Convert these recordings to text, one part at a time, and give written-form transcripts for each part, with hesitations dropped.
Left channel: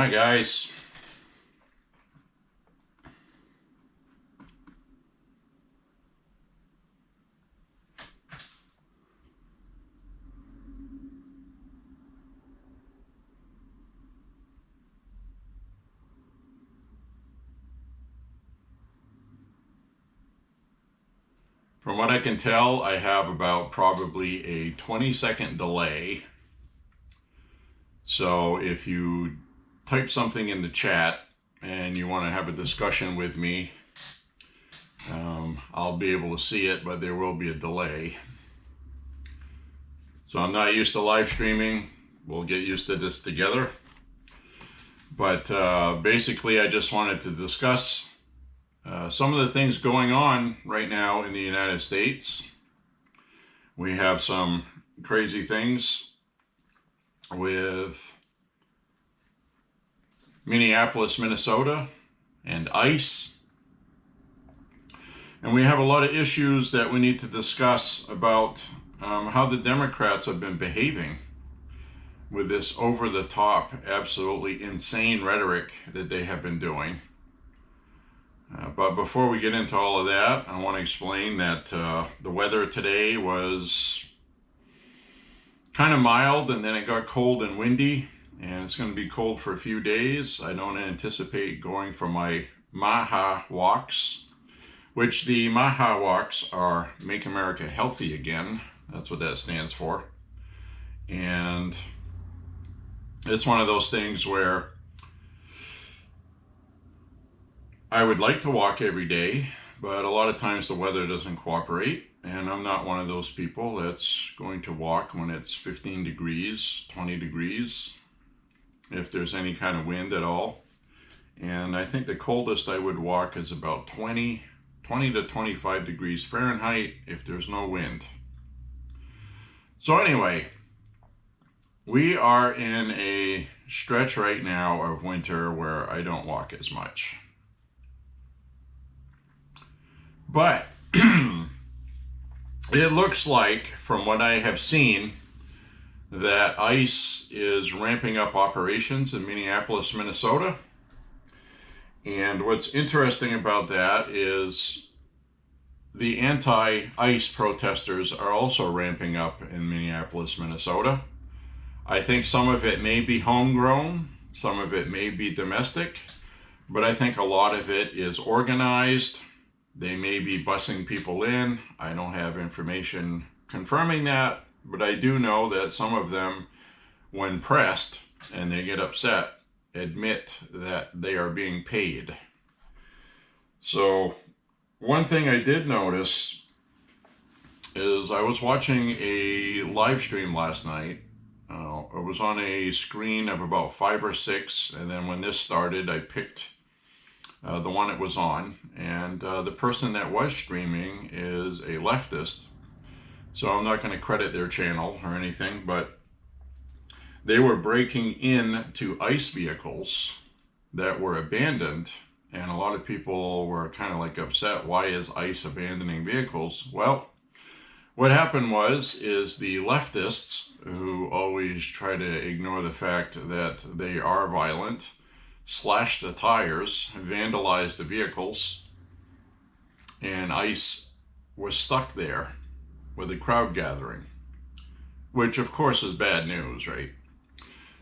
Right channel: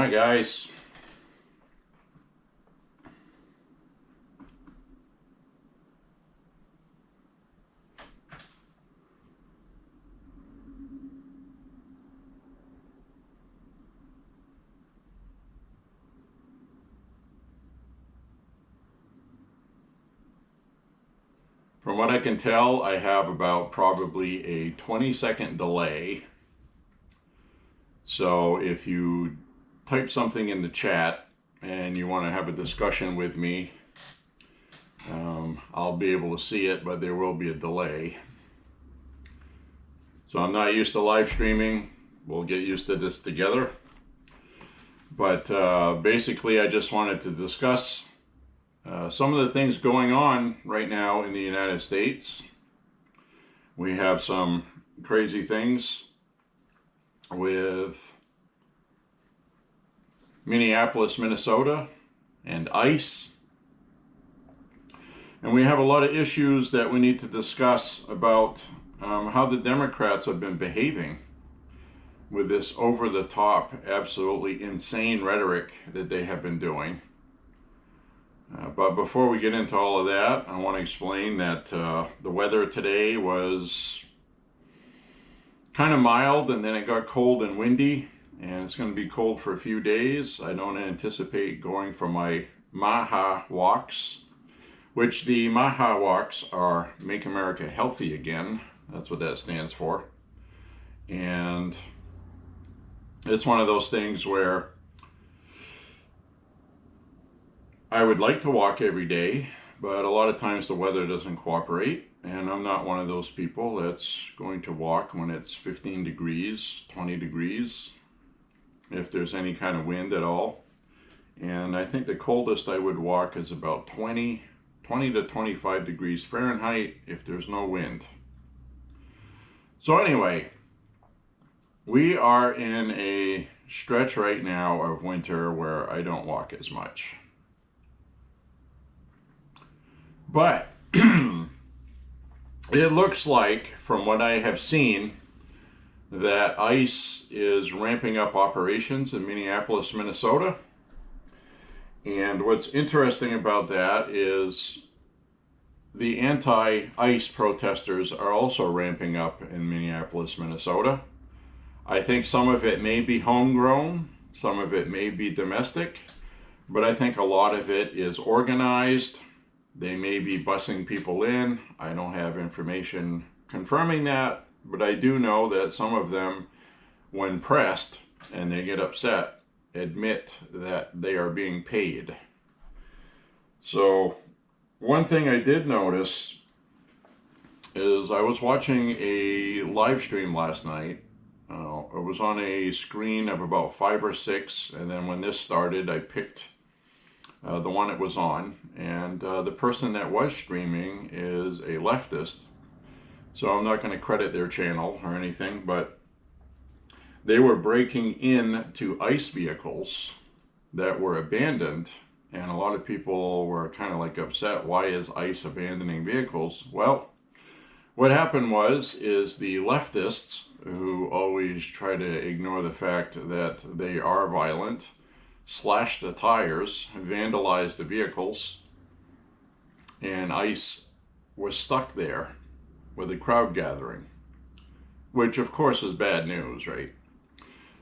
Hi guys. From what I can tell, I have about probably a 20-second delay. So if you type something in the chat and you want to have a discussion with me, I'll be able to see it, but there will be a delay. So I'm not used to live streaming. We'll get used to this together. But basically, I just wanted to discuss some of the things going on right now in the United States. We have some crazy things with Minneapolis, Minnesota, and ICE. And we have a lot of issues that we need to discuss about how the Democrats have been behaving with this over-the-top, absolutely insane rhetoric that they have been doing. But before we get into all of that, I want to explain that the weather today was kind of mild, and then it got cold and windy, and it's going to be cold for a few days. I don't anticipate going for my Maha walks, which the Maha walks are Make America Healthy Again. That's what that stands for. And it's one of those things where I would like to walk every day, but a lot of times the weather doesn't cooperate, and I'm not one of those people that's going to walk when it's 15 degrees, 20 degrees, if there's any kind of wind at all. And I think the coldest I would walk is about 20 to 25 degrees Fahrenheit if there's no wind. So anyway, we are in a stretch right now of winter where I don't walk as much. But it looks like, from what I have seen, that ICE is ramping up operations in Minneapolis, Minnesota. And what's interesting about that is the anti-ICE protesters are also ramping up in Minneapolis, Minnesota. I think some of it may be homegrown, some of it may be domestic, but I think a lot of it is organized. They may be busing people in. I don't have information confirming that, but I do know that some of them, when pressed and they get upset, admit that they are being paid. So one thing I did notice is I was watching a live stream last night. It was on a screen of about 5 or 6, and then when this started, I picked the one it was on, and the person that was streaming is a leftist, so I'm not going to credit their channel or anything, but they were breaking into ICE vehicles that were abandoned, and a lot of people were kind of like upset. Why is ICE abandoning vehicles? Well, what happened is the leftists, who always try to ignore the fact that they are violent, slashed the tires, vandalized the vehicles, and ICE was stuck there with a crowd gathering, which of course is bad news, right?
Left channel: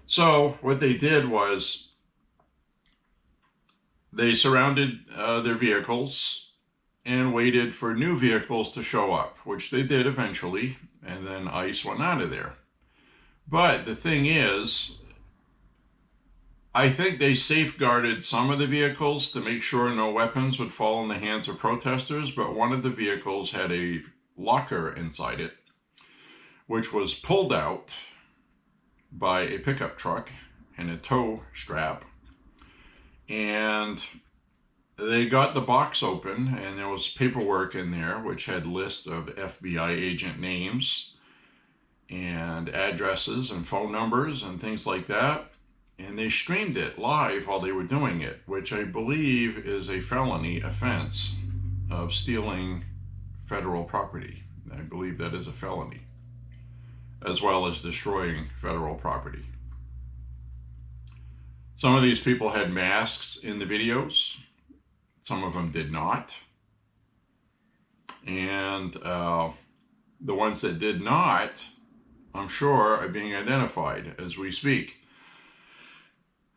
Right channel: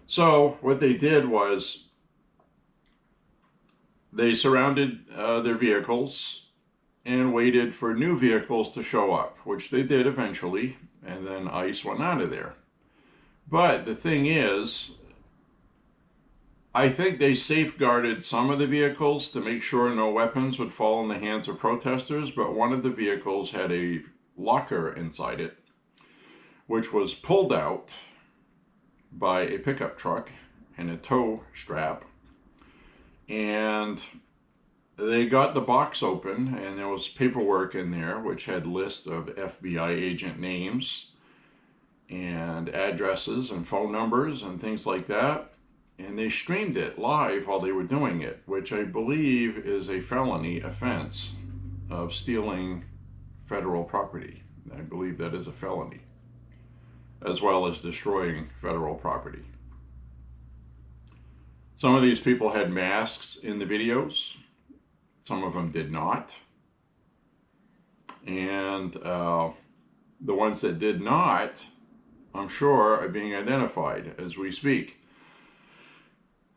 So what they did was they surrounded their vehicles and waited for new vehicles to show up, which they did eventually, and then ICE went out of there. But the thing is, I think they safeguarded some of the vehicles to make sure no weapons would fall in the hands of protesters, but one of the vehicles had a locker inside it, which was pulled out by a pickup truck and a tow strap, and they got the box open, and there was paperwork in there which had lists of FBI agent names and addresses and phone numbers and things like that, and they streamed it live while they were doing it, which I believe is a felony offense of stealing federal property. I believe that is a felony, as well as destroying federal property. Some of these people had masks in the videos. Some of them did not. And the ones that did not, I'm sure, are being identified as we speak.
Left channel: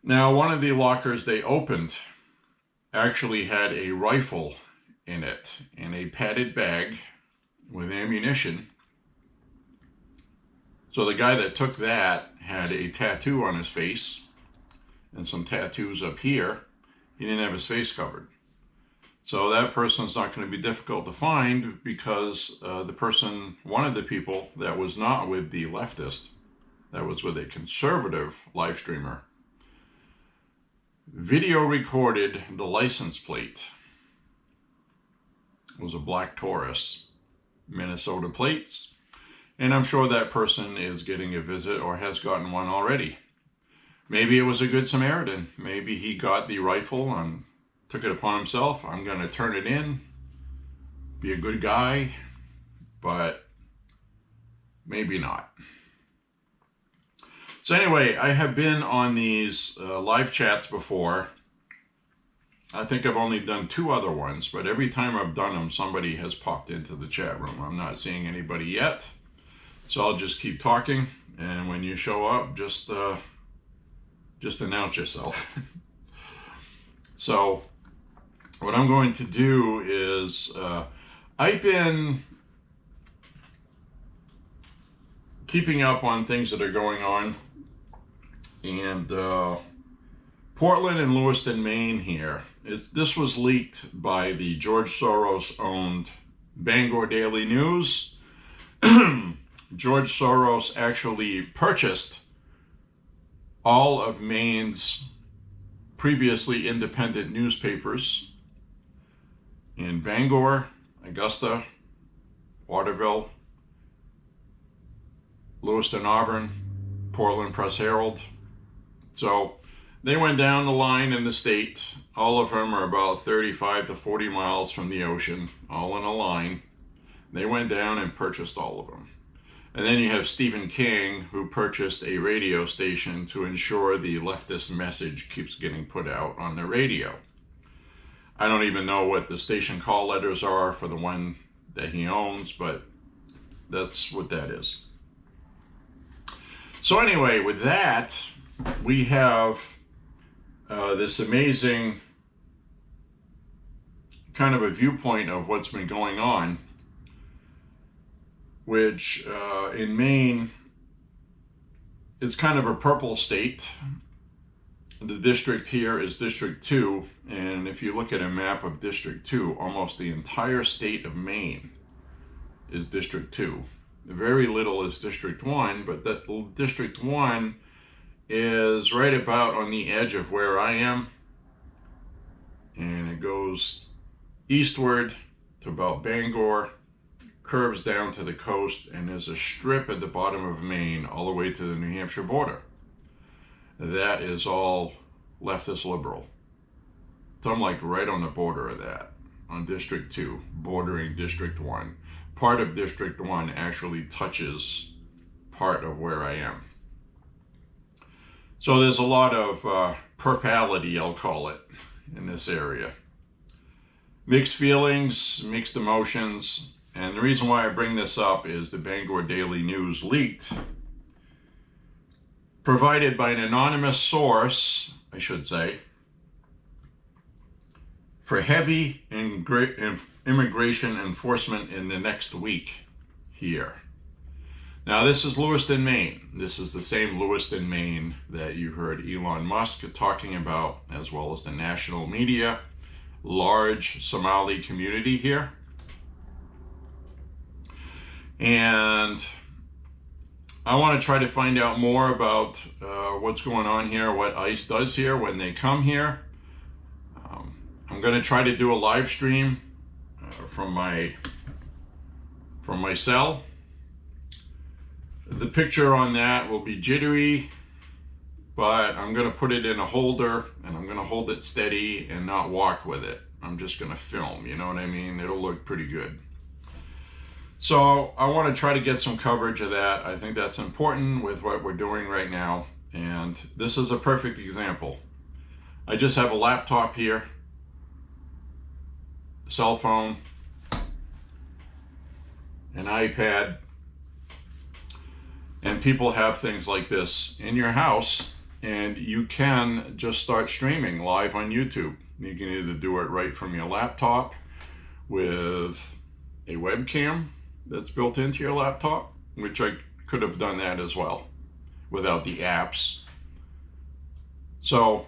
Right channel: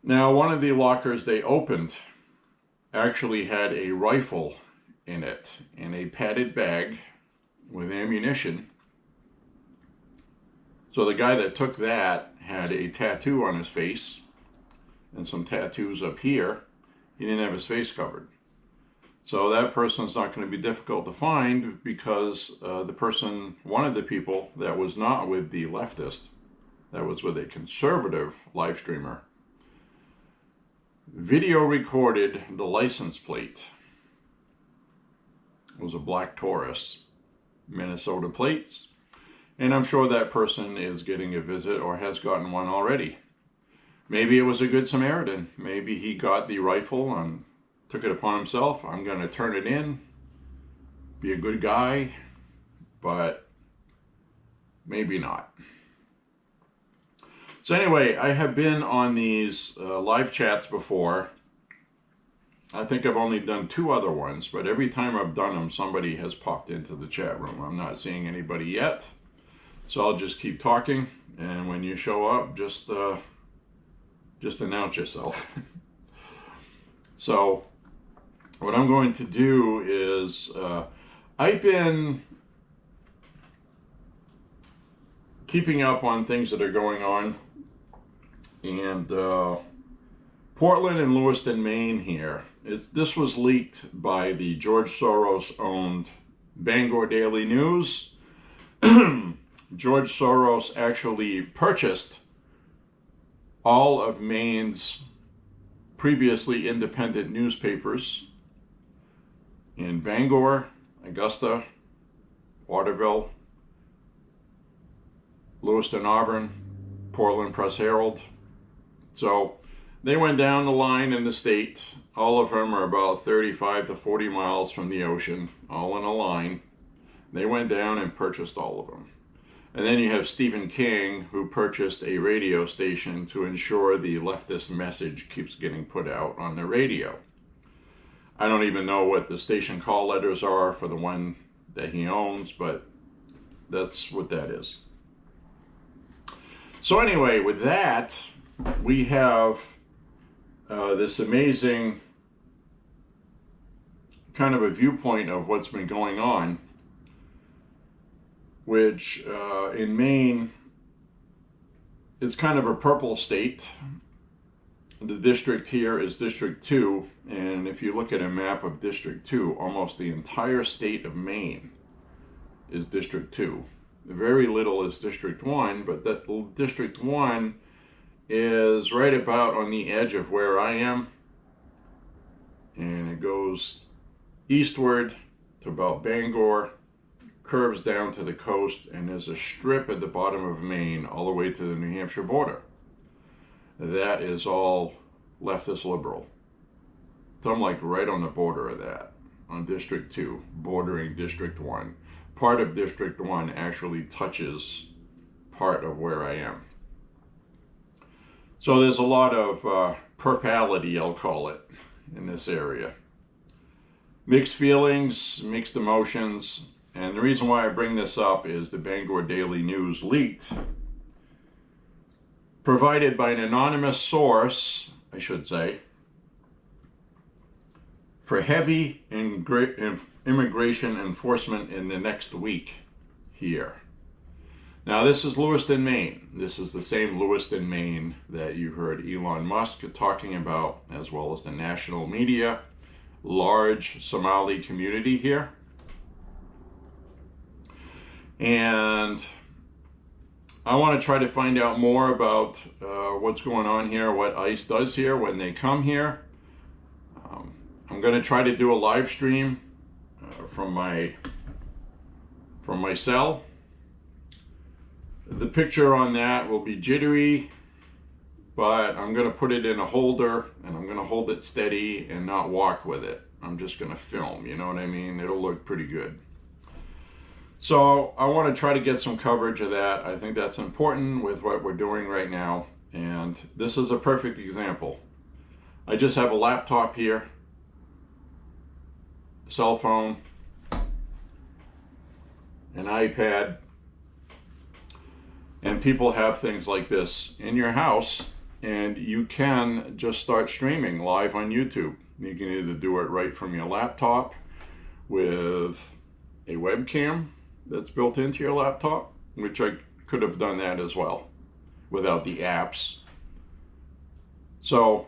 Now, one of the lockers they opened actually had a rifle in it in a padded bag with ammunition. So the guy that took that had a tattoo on his face and some tattoos up here. He didn't have his face covered. So that person's not going to be difficult to find because the person, one of the people that was not with the leftist, that was with a conservative live streamer, video recorded the license plate. It was a black Taurus, Minnesota plates. And I'm sure that person is getting a visit or has gotten one already. Maybe it was a good Samaritan. Maybe he got the rifle and took it upon himself. I'm going to turn it in, be a good guy, but maybe not. So anyway, I have been on these live chats before. I think I've only done 2 other ones, but every time I've done them, somebody has popped into the chat room. I'm not seeing anybody yet, so I'll just keep talking. And when you show up, just announce yourself. So what I'm going to do is, I've been keeping up on things that are going on, and Portland and Lewiston, Maine here. This was leaked by the George Soros-owned Bangor Daily News. George Soros actually purchased all of Maine's previously independent newspapers in Bangor, Augusta, Waterville, Lewiston, Auburn, Portland Press Herald. So they went down the line in the state. All of them are about 35 to 40 miles from the ocean, all in a line. They went down and purchased all of them. And then you have Stephen King, who purchased a radio station to ensure the leftist message keeps getting put out on the radio. I don't even know what the station call letters are for the one that he owns, but that's what that is. So anyway, with that, we have this amazing kind of a viewpoint of what's been going on, which in Maine, it's kind of a purple state. The district here is District 2, and if you look at a map of District 2, almost the entire state of Maine is District 2. Very little is District 1, but that District 1 is right about on the edge of where I am, and it goes eastward to about Bangor, curves down to the coast, and there's a strip at the bottom of Maine all the way to the New Hampshire border. That is all leftist liberal. So I'm like right on the border of that, on District 2, bordering District 1. Part of District 1 actually touches part of where I am. So there's a lot of purpality, I'll call it, in this area. Mixed feelings, mixed emotions, and the reason why I bring this up is the Bangor Daily News leaked, provided by an anonymous source, I should say, for heavy immigration enforcement in the next week here. Now this is Lewiston, Maine. This is the same Lewiston, Maine that you heard Elon Musk talking about, as well as the national media. Large Somali community here. And I want to try to find out more about what's going on here, what ICE does here when they come here. I'm going to try to do a live stream from my cell. The picture on that will be jittery, but I'm going to put it in a holder and I'm going to hold it steady and not walk with it. I'm just going to film, you know what I mean? It'll look pretty good. So I want to try to get some coverage of that. I think that's important with what we're doing right now. And this is a perfect example. I just have a laptop here, cell phone, an iPad, and people have things like this in your house, and you can just start streaming live on YouTube. You can either do it right from your laptop with a webcam that's built into your laptop, which I could have done that as well without the apps. So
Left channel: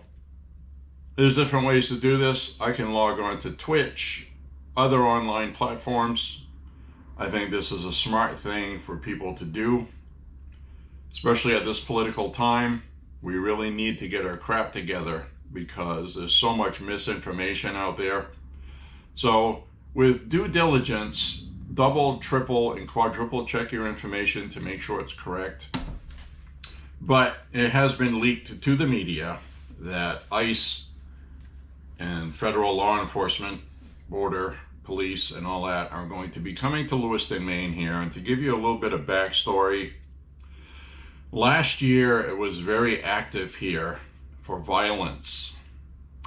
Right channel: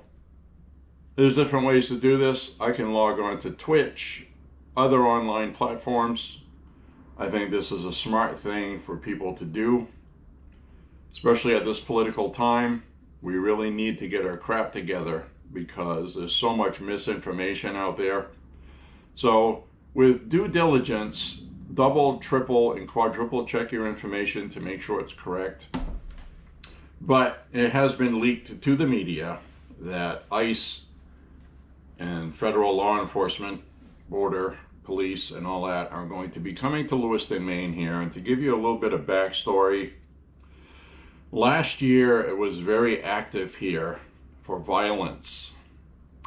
there's different ways to do this. I can log on to Twitch, other online platforms. I think this is a smart thing for people to do, especially at this political time. We really need to get our crap together because there's so much misinformation out there. So with due diligence, double, triple, and quadruple check your information to make sure it's correct. But it has been leaked to the media that ICE and federal law enforcement, border police, and all that are going to be coming to Lewiston, Maine here. And to give you a little bit of backstory, last year it was very active here for violence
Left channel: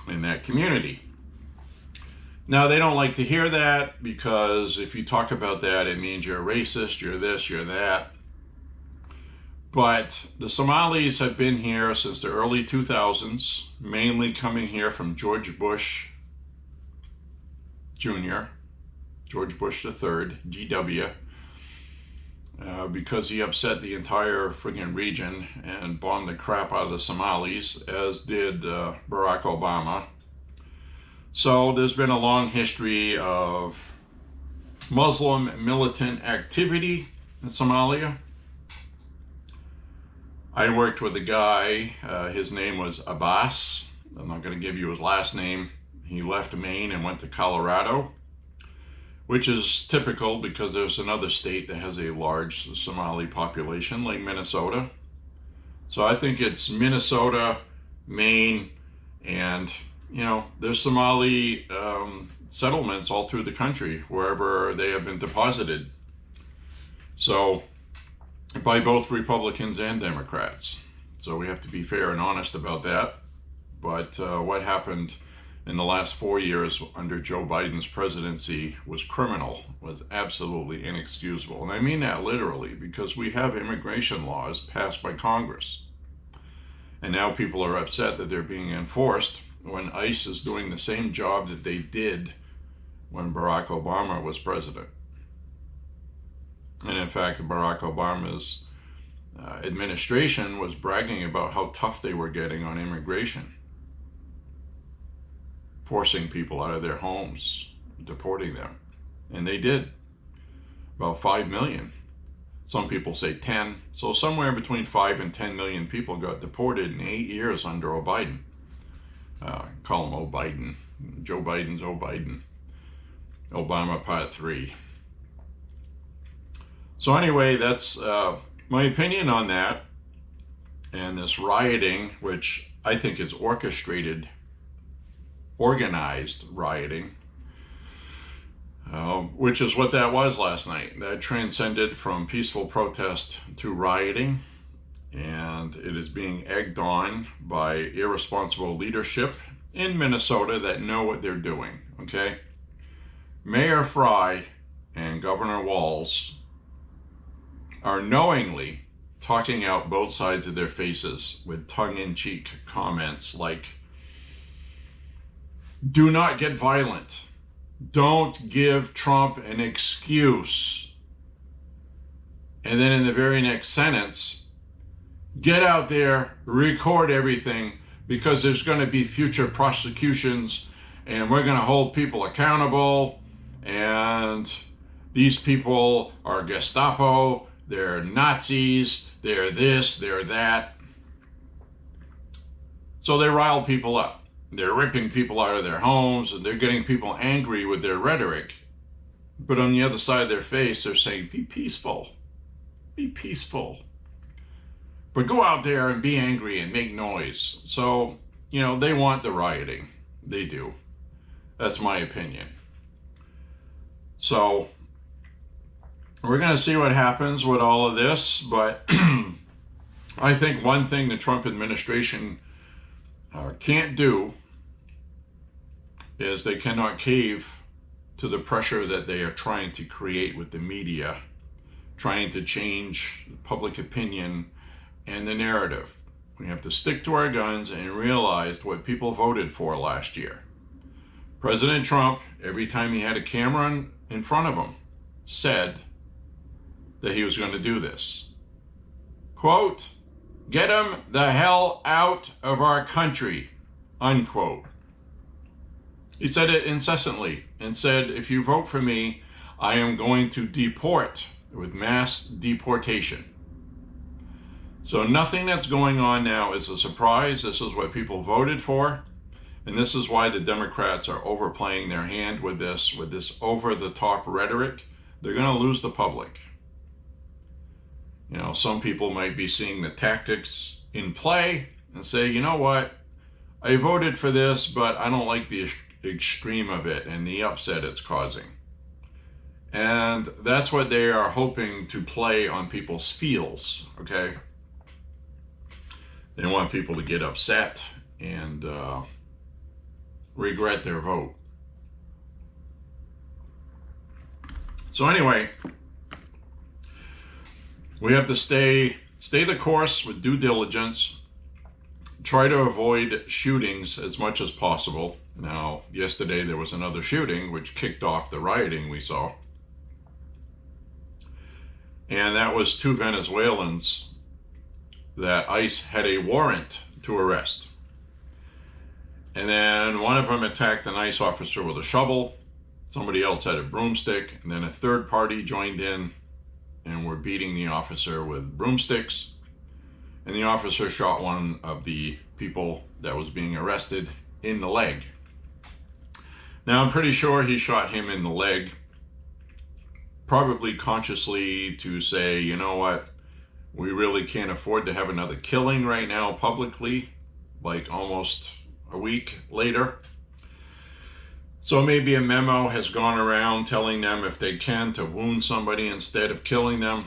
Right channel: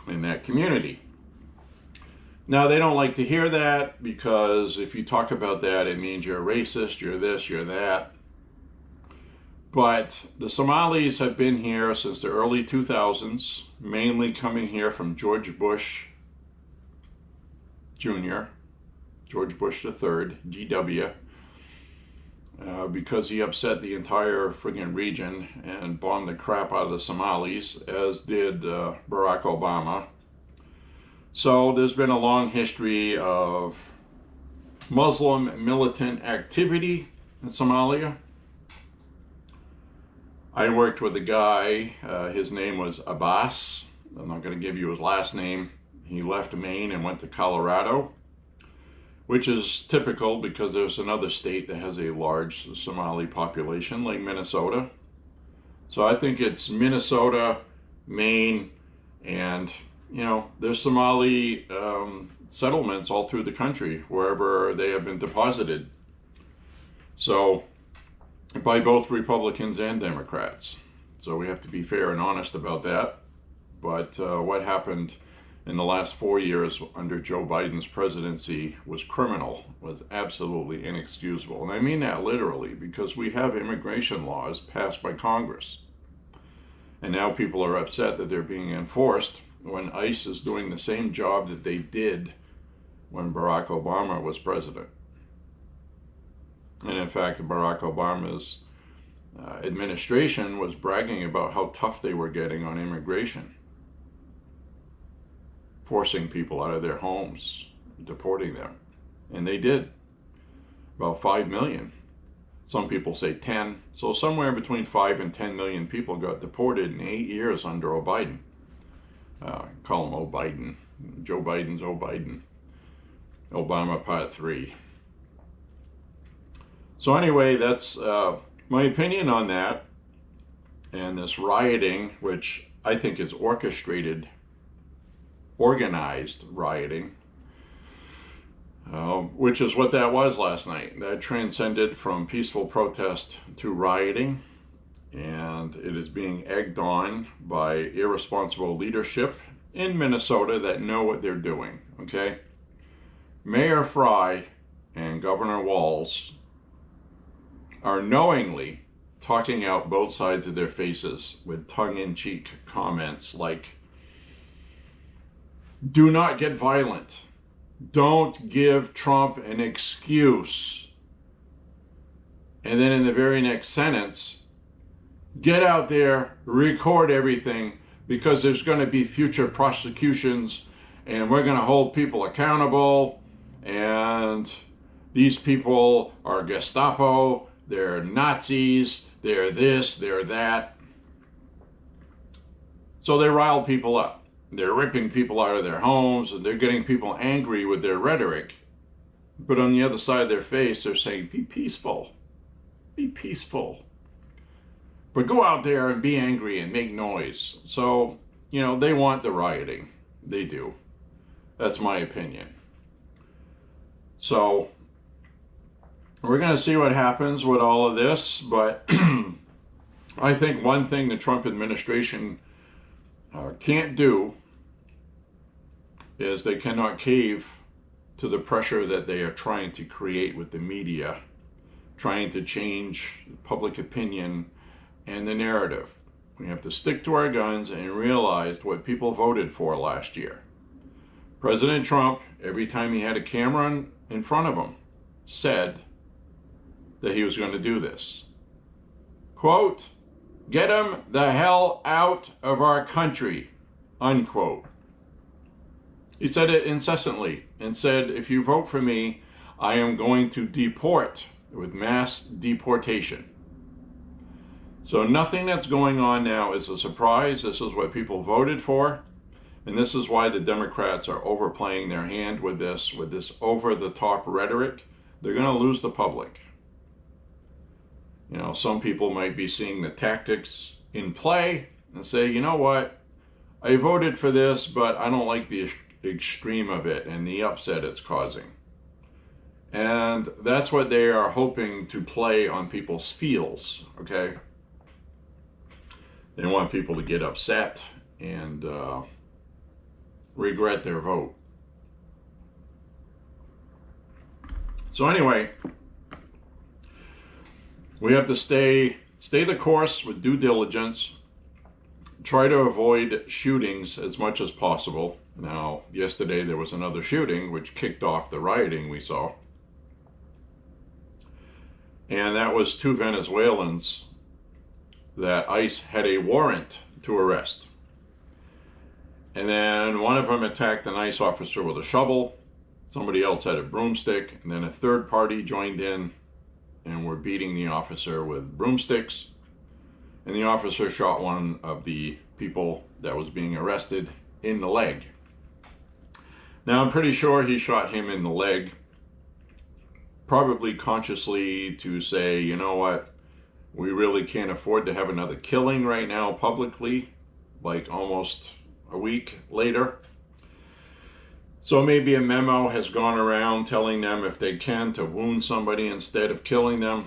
in that community. Now, they don't like to hear that because if you talk about that, it means you're racist, you're this, you're that. But the Somalis have been here since the early 2000s, mainly coming here from George Bush Jr., George Bush III, GW, because he upset the entire friggin' region and bombed the crap out of the Somalis, as did Barack Obama. So there's been a long history of Muslim militant activity in Somalia. I worked with a guy, his name was Abbas. I'm not going to give you his last name. He left Maine and went to Colorado, which is typical because there's another state that has a large Somali population, like Minnesota. So I think it's Minnesota, Maine, and there's Somali settlements all through the country, wherever they have been deposited. So, by both Republicans and Democrats. So we have to be fair and honest about that. But what happened in the last 4 years under Joe Biden's presidency was criminal, was absolutely inexcusable. And I mean that literally, because we have immigration laws passed by Congress. And now people are upset that they're being enforced when ICE is doing the same job that they did when Barack Obama was president. And in fact, Barack Obama's administration was bragging about how tough they were getting on immigration, forcing people out of their homes, deporting them. And they did. About 5 million. Some people say 10. So somewhere between 5 and 10 million people got deported in 8 years under O'Biden. Call him O'Biden. Joe Biden's O'Biden. Obama Part 3. So anyway, that's my opinion on that. And this rioting, which I think is orchestrated, organized rioting, which is what that was last night. That transcended from peaceful protest to rioting. And it is being egged on by irresponsible leadership in Minnesota that know what they're doing, okay? Mayor Fry and Governor Walz are knowingly talking out both sides of their faces with tongue-in-cheek comments like, do not get violent. Don't give Trump an excuse. And then in the very next sentence, get out there, record everything, because there's going to be future prosecutions and we're going to hold people accountable, and these people are Gestapo, they're Nazis, they're this, they're that. So they rile people up. They're ripping people out of their homes, and they're getting people angry with their rhetoric. But on the other side of their face, they're saying, be peaceful. Be peaceful. But go out there and be angry and make noise. So, they want the rioting. They do. That's my opinion. So, we're going to see what happens with all of this. But I think one thing the Trump administration can't do is they cannot cave to the pressure that they are trying to create with the media, trying to change public opinion and the narrative. We have to stick to our guns and realize what people voted for last year. President Trump, every time he had a camera in front of him, said that he was going to do this. Quote, "Get him the hell out of our country," unquote. He said it incessantly and said, "If you vote for me, I am going to deport with mass deportation." So nothing that's going on now is a surprise. This is what people voted for. And this is why the Democrats are overplaying their hand with this over-the-top rhetoric. They're going to lose the public. You know, some people might be seeing the tactics in play and say, you know what, I voted for this, but I don't like the extreme of it and the upset it's causing. And that's what they are hoping to play on people's feels, okay? They want people to get upset and regret their vote. So anyway, we have to stay the course with due diligence, try to avoid shootings as much as possible. Now, yesterday there was another shooting which kicked off the rioting we saw. And that was 2 Venezuelans that ICE had a warrant to arrest. And then one of them attacked an ICE officer with a shovel. Somebody else had a broomstick. And then a third party joined in and were beating the officer with broomsticks. And the officer shot one of the people that was being arrested in the leg. Now, I'm pretty sure he shot him in the leg, probably consciously to say, you know what, we really can't afford to have another killing right now publicly, like almost a week later. So maybe a memo has gone around telling them if they can to wound somebody instead of killing them.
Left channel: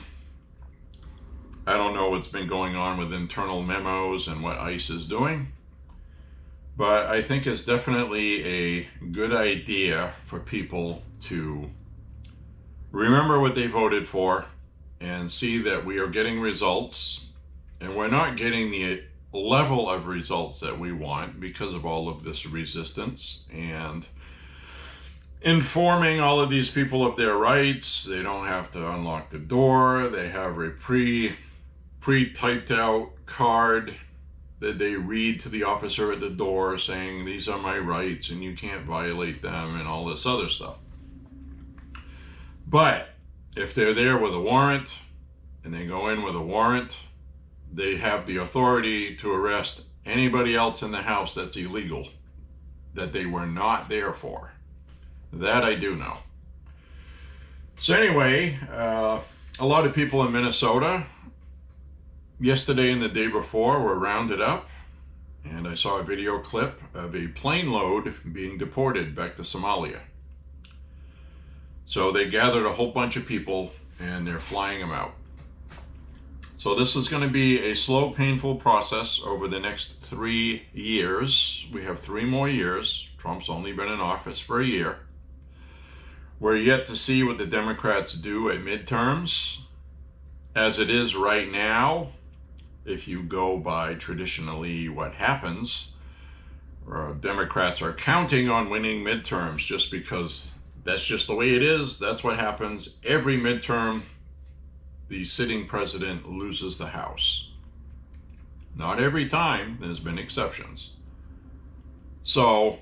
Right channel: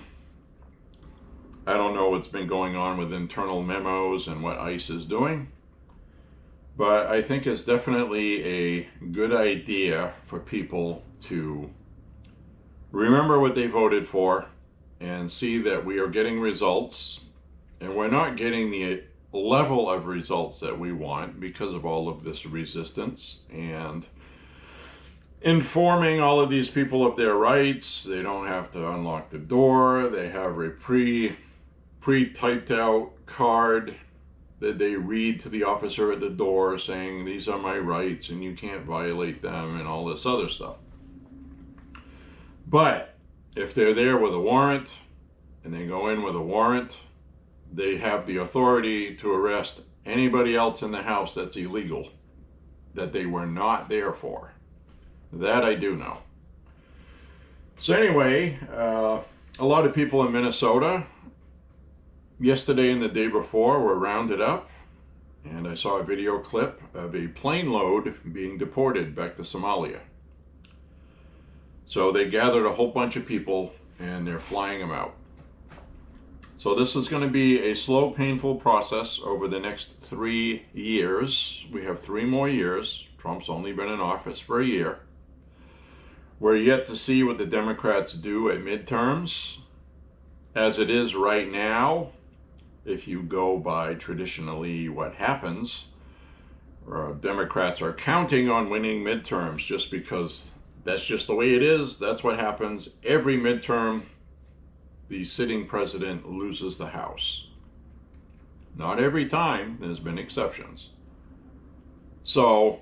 I don't know what's been going on with internal memos and what ICE is doing, but I think it's definitely a good idea for people to remember what they voted for and see that we are getting results, and we're not getting the level of results that we want because of all of this resistance and informing all of these people of their rights. They don't have to unlock the door. They have a pre-typed out card that they read to the officer at the door saying, these are my rights and you can't violate them and all this other stuff. But if they're there with a warrant and they go in with a warrant, they have the authority to arrest anybody else in the house that's illegal, that they were not there for. That I do know. So anyway, a lot of people in Minnesota yesterday and the day before were rounded up, and I saw a video clip of a plane load being deported back to Somalia. So they gathered a whole bunch of people and they're flying them out. So this is going to be a slow, painful process over the next 3 years. We have 3 more years. Trump's only been in office for a year. We're yet to see what the Democrats do at midterms. As it is right now, if you go by traditionally what happens, Democrats are counting on winning midterms just because that's just the way it is. That's what happens. Every midterm, the sitting president loses the House. Not every time, there's been exceptions. So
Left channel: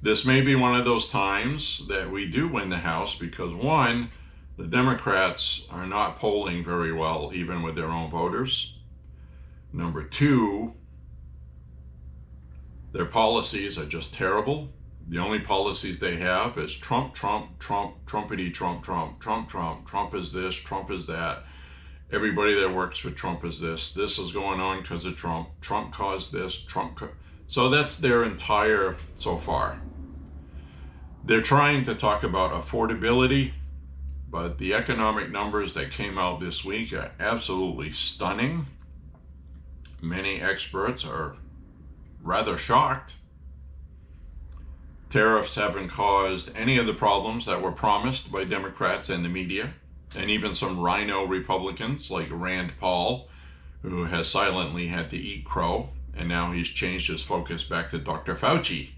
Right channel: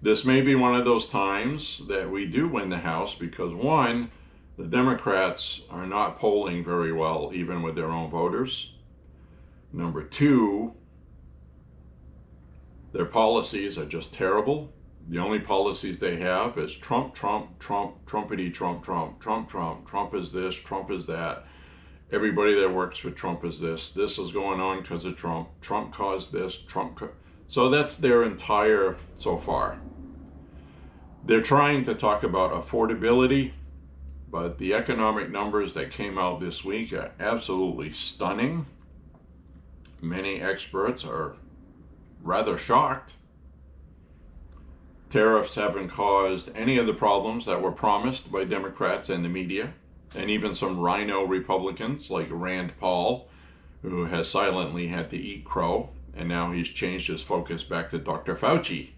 this may be one of those times that we do win the House because, one, the Democrats are not polling very well, even with their own voters. Number 2, their policies are just terrible. The only policies they have is Trump, Trump, Trump, Trumpity, Trump, Trump, Trump, Trump, Trump is this, Trump is that. Everybody that works for Trump is this. This is going on because of Trump. Trump caused this. So that's their entire so far. They're trying to talk about affordability, but the economic numbers that came out this week are absolutely stunning. Many experts are rather shocked. Tariffs haven't caused any of the problems that were promised by Democrats and the media, and even some rhino Republicans like Rand Paul, who has silently had to eat crow, and now he's changed his focus back to Dr. Fauci.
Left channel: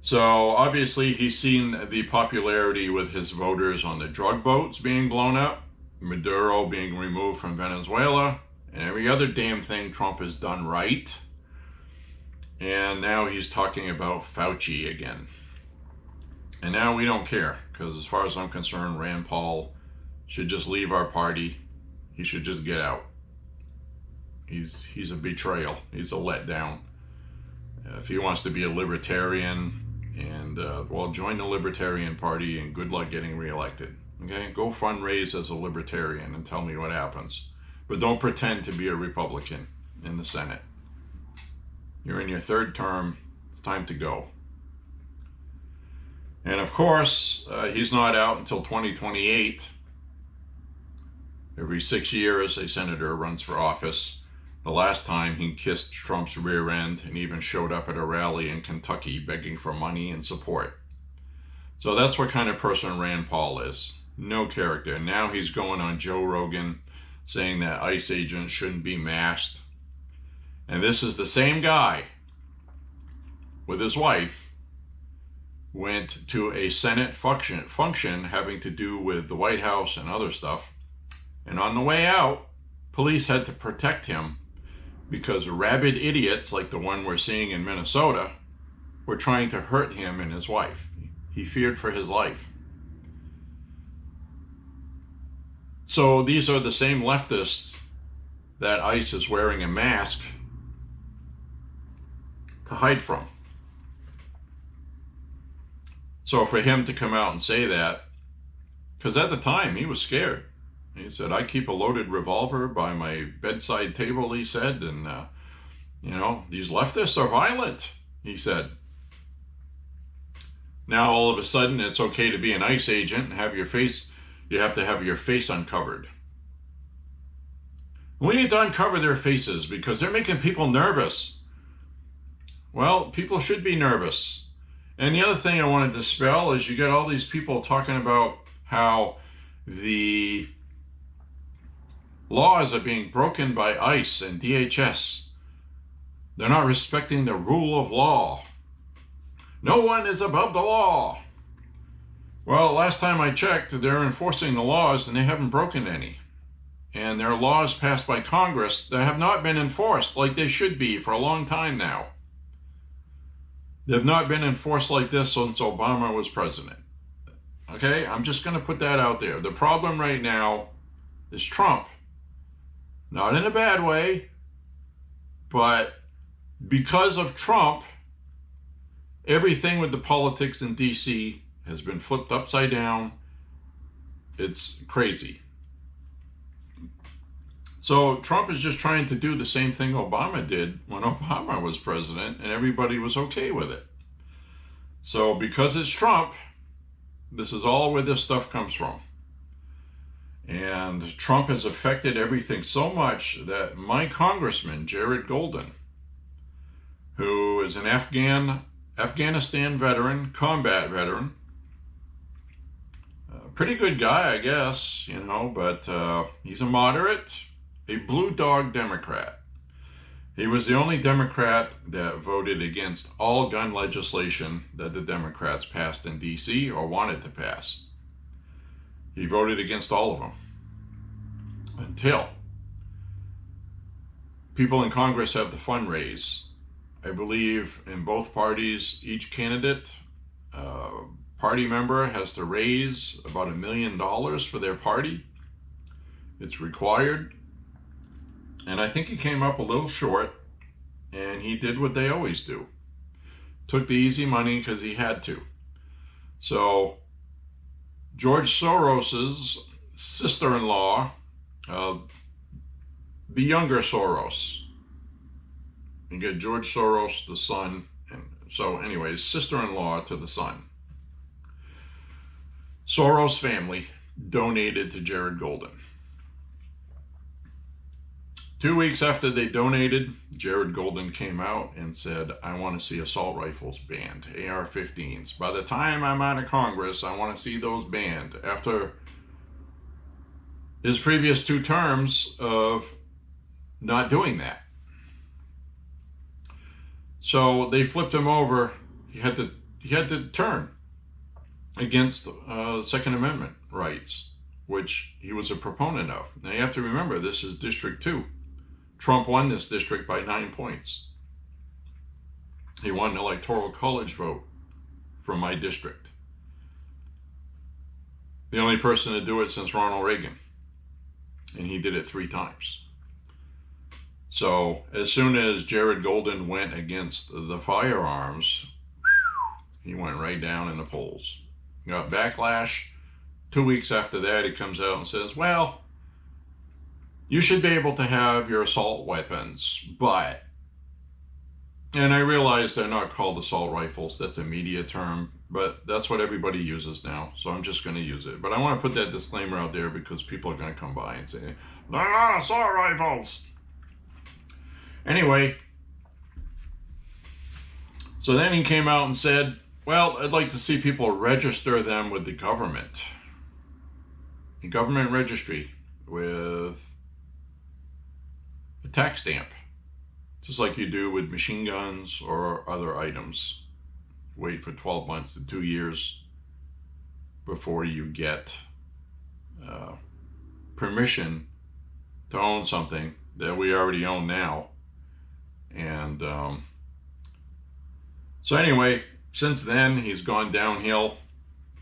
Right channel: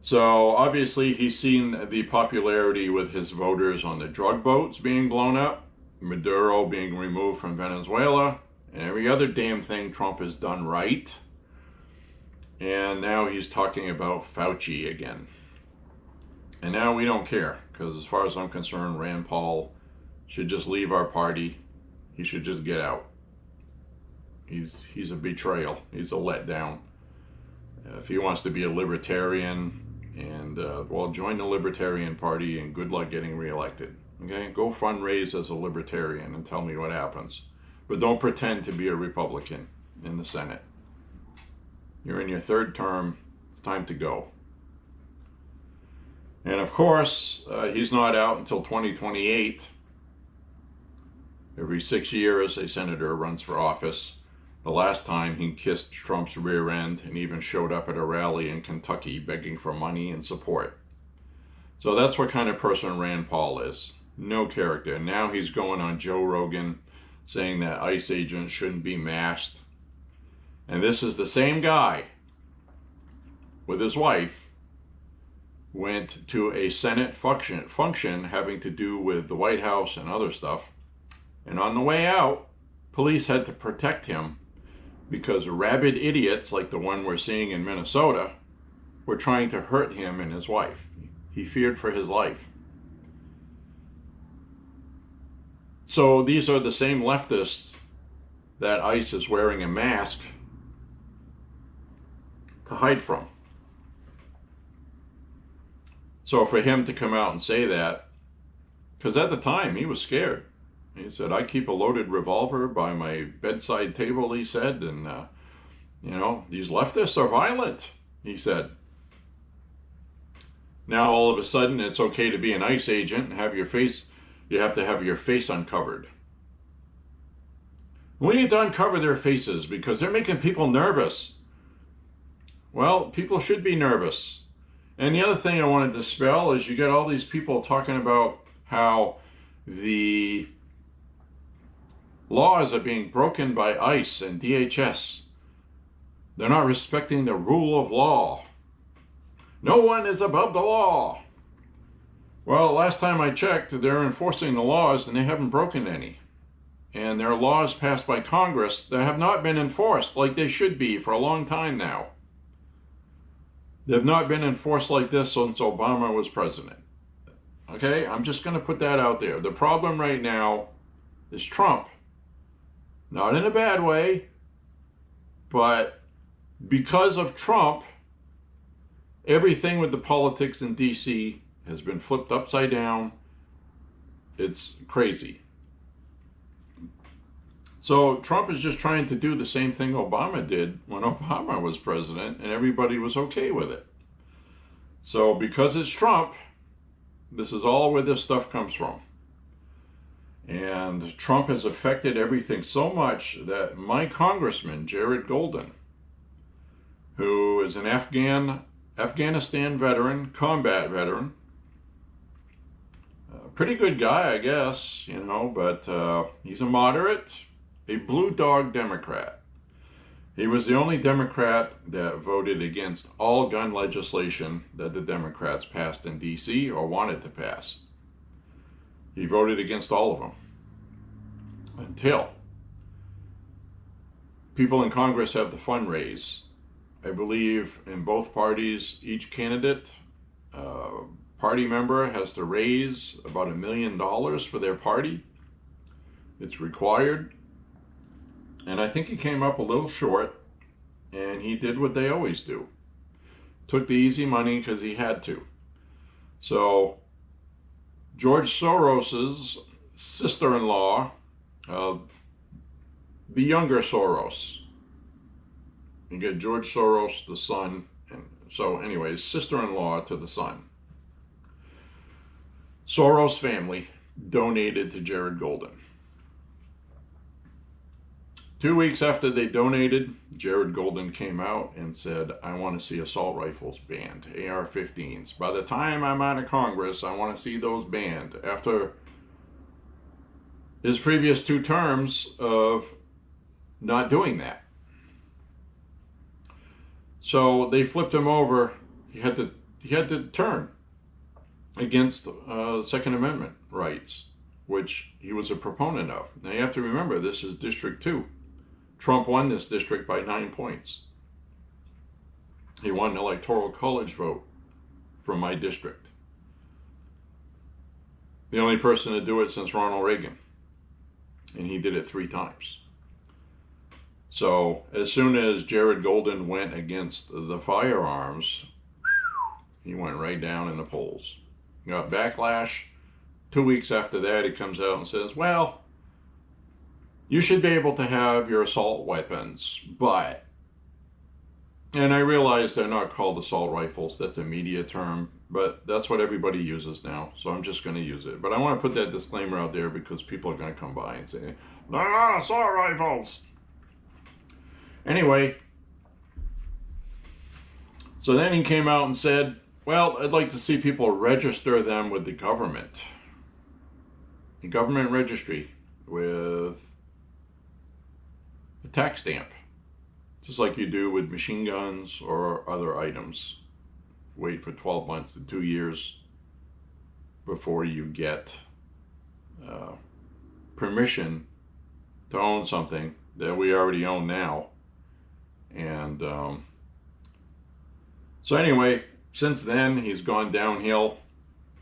So obviously he's seen the popularity with his voters on the drug boats being blown up, Maduro being removed from Venezuela, and every other damn thing Trump has done right. And now he's talking about Fauci again. And now we don't care, because as far as I'm concerned, Rand Paul should just leave our party. He should just get out. He's a betrayal. He's a letdown. If he wants to be a libertarian, and well, join the Libertarian Party and good luck getting reelected. Okay, go fundraise as a libertarian and tell me what happens. But don't pretend to be a Republican in the Senate. You're in your third term. It's time to go. And of course, he's not out until 2028. Every 6 years, a senator runs for office. The last time he kissed Trump's rear end and even showed up at a rally in Kentucky begging for money and support. So that's what kind of person Rand Paul is. No character. Now he's going on Joe Rogan saying that ICE agents shouldn't be masked. And this is the same guy with his wife went to a Senate function having to do with the White House and other stuff. And on the way out, police had to protect him because rabid idiots like the one we're seeing in Minnesota were trying to hurt him and his wife. He feared for his life. So these are the same leftists that ICE is wearing a mask to hide from. So for him to come out and say that, because at the time he was scared. He said, I keep a loaded revolver by my bedside table, he said, and, these leftists are violent, he said. Now, all of a sudden, it's okay to be an ICE agent and have your face, you have to have your face uncovered. We need to uncover their faces because they're making people nervous. Well, people should be nervous. And the other thing I want to dispel is you get all these people talking about how the laws are being broken by ICE and DHS. They're not respecting the rule of law. No one is above the law. Well, last time I checked, they're enforcing the laws and they haven't broken any. And there are laws passed by Congress that have not been enforced like they should be for a long time now. They've not been enforced like this since Obama was president. Okay, I'm just going to put that out there. The problem right now is Trump. Not in a bad way, but because of Trump, everything with the politics in DC has been flipped upside down. It's crazy. So Trump is just trying to do the same thing Obama did when Obama was president, and everybody was okay with it. So because it's Trump, this is all where this stuff comes from. And Trump has affected everything so much that my congressman, Jared Golden, who is an Afghanistan veteran, combat veteran, pretty good guy, I guess, but he's a moderate, a blue dog Democrat. He was the only Democrat that voted against all gun legislation that the Democrats passed in D.C. or wanted to pass. He voted against all of them until people in Congress have to fundraise. I believe in both parties, each candidate, party member has to raise about $1 million for their party. It's required. And I think he came up a little short, and he did what they always do. Took the easy money because he had to. So George Soros's sister-in-law, the younger Soros. You get George Soros, the son, and so anyways, sister-in-law to the son. Soros family donated to Jared Golden 2 weeks after they donated, Jared Golden came out and said, I want to see assault rifles banned, AR-15s. By the time I'm out of Congress, I want to see those banned. After his previous 2 terms of not doing that. So they flipped him over. He had to turn against Second Amendment rights, which he was a proponent of. Now you have to remember, this is District 2. Trump won this district by 9 points. He won an electoral college vote from my district. The only person to do it since Ronald Reagan. And he did it 3 times. So as soon as Jared Golden went against the firearms, he went right down in the polls. Got backlash. 2 weeks after that, he comes out and says, well, you should be able to have your assault weapons, but, and I realize they're not called assault rifles, that's a media term, but that's what everybody uses now, so I'm just going to use it. But I want to put that disclaimer out there because people are going to come by and say, they're not assault rifles. Anyway, so then he came out and said, well, I'd like to see people register them with the government. A government registry with a tax stamp, just like you do with machine guns or other items. Wait for 12 months to 2 years before you get permission to own something that we already own now. And so anyway, since then he's gone downhill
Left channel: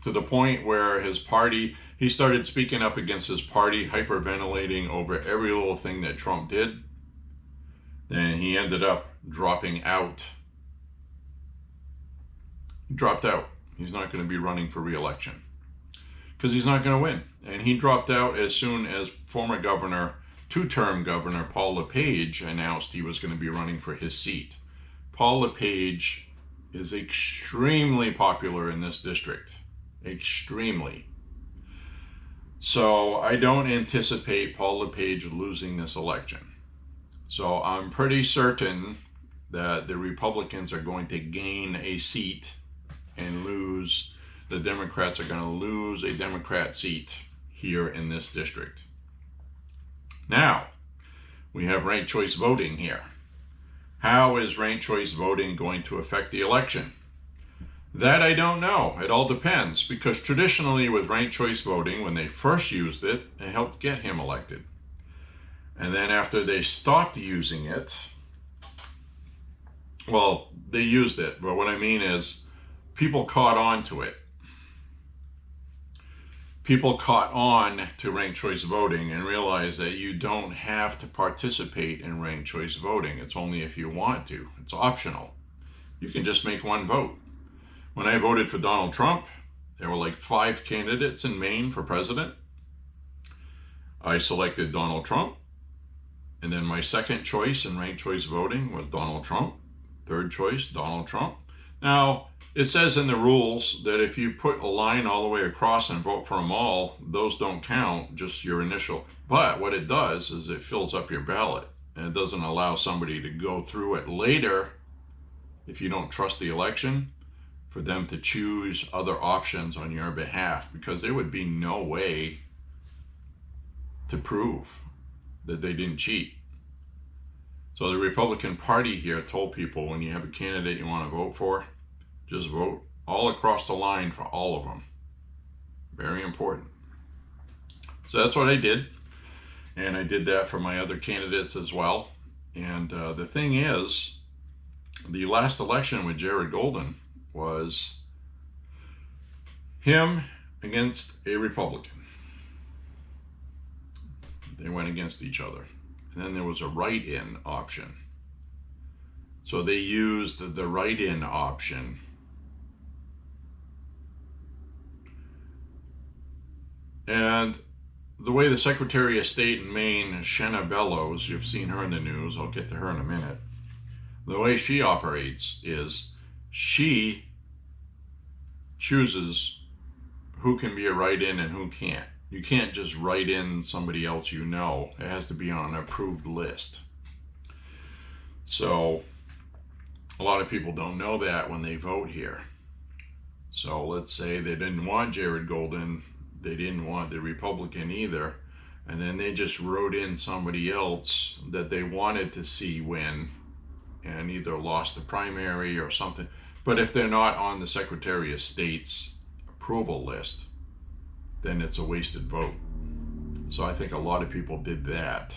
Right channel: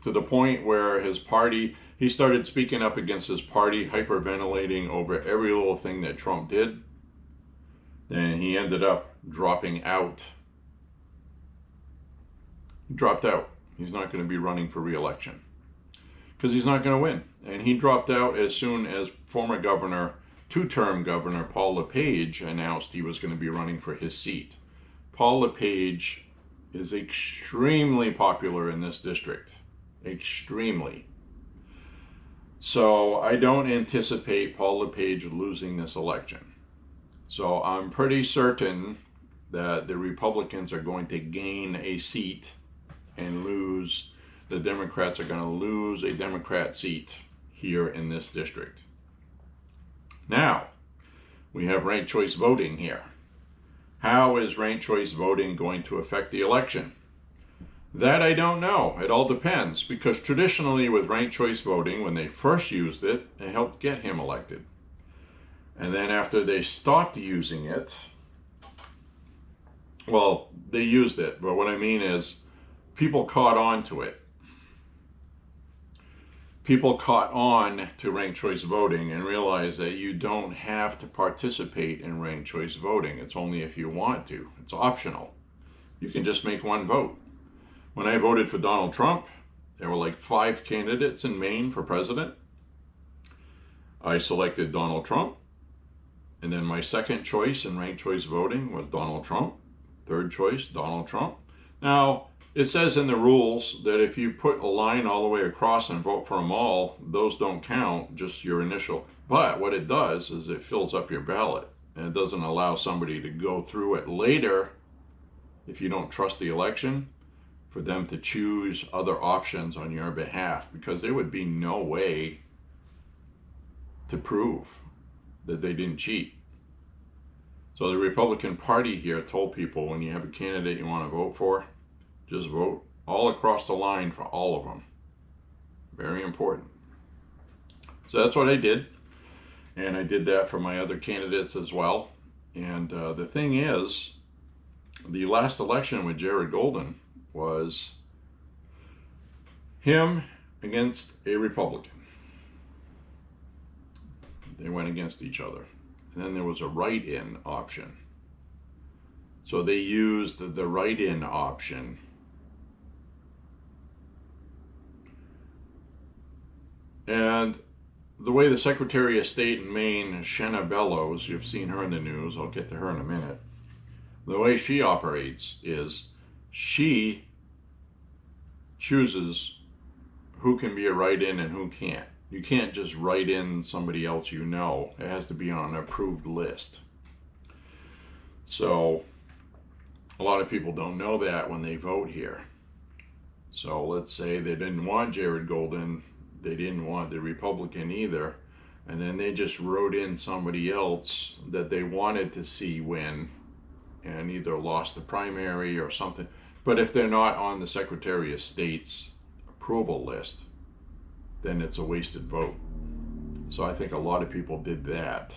to the point where his party, he started speaking up against his party, hyperventilating over every little thing that Trump did. Then he ended up dropping out. He dropped out. He's not going to be running for re-election because he's not going to win. And he dropped out as soon as former governor, 2-term governor Paul LePage announced he was going to be running for his seat. Paul LePage is extremely popular in this district. Extremely. So I don't anticipate Paul LePage losing this election. So I'm pretty certain that the Republicans are going to gain a seat and lose, the Democrats are going to lose a Democrat seat here in this district. Now, we have ranked choice voting here. How is ranked choice voting going to affect the election? That I don't know. It all depends, because traditionally with ranked choice voting, when they first used it, it helped get him elected. And then after they stopped using it, well, they used it, but what I mean is people caught on to it. People caught on to ranked choice voting and realized that you don't have to participate in ranked choice voting. It's only if you want to. It's optional. You can just make one vote. When I voted for Donald Trump, there were like 5 candidates in Maine for president. I selected Donald Trump. And then my second choice in ranked choice voting was Donald Trump. Third choice, Donald Trump. Now, it says in the rules that if you put a line all the way across and vote for them all, those don't count, just your initial. But what it does is it fills up your ballot. And it doesn't allow somebody to go through it later, if you don't trust the election, for them to choose other options on your behalf, because there would be no way to prove that they didn't cheat. So the Republican Party here told people, when you have a candidate you want to vote for, just vote all across the line for all of them. Very important. So that's what I did. And I did that for my other candidates as well. And the thing is, the last election with Jared Golden was him against a Republican. They went against each other. And then there was a write-in option. So they used the write-in option and the way the Secretary of State in Maine, Shenna Bellows, you've seen her in the news, I'll get to her in a minute. The way she operates is she chooses who can be a write-in and who can't. You can't just write in somebody else you know. It has to be on an approved list. So a lot of people don't know that when they vote here. So let's say they didn't want Jared Golden, they didn't want the Republican either, and then they just wrote in somebody else that they wanted to see win and either lost the primary or something. But if they're not on the Secretary of State's approval list, then it's a wasted vote. So I think a lot of people did that.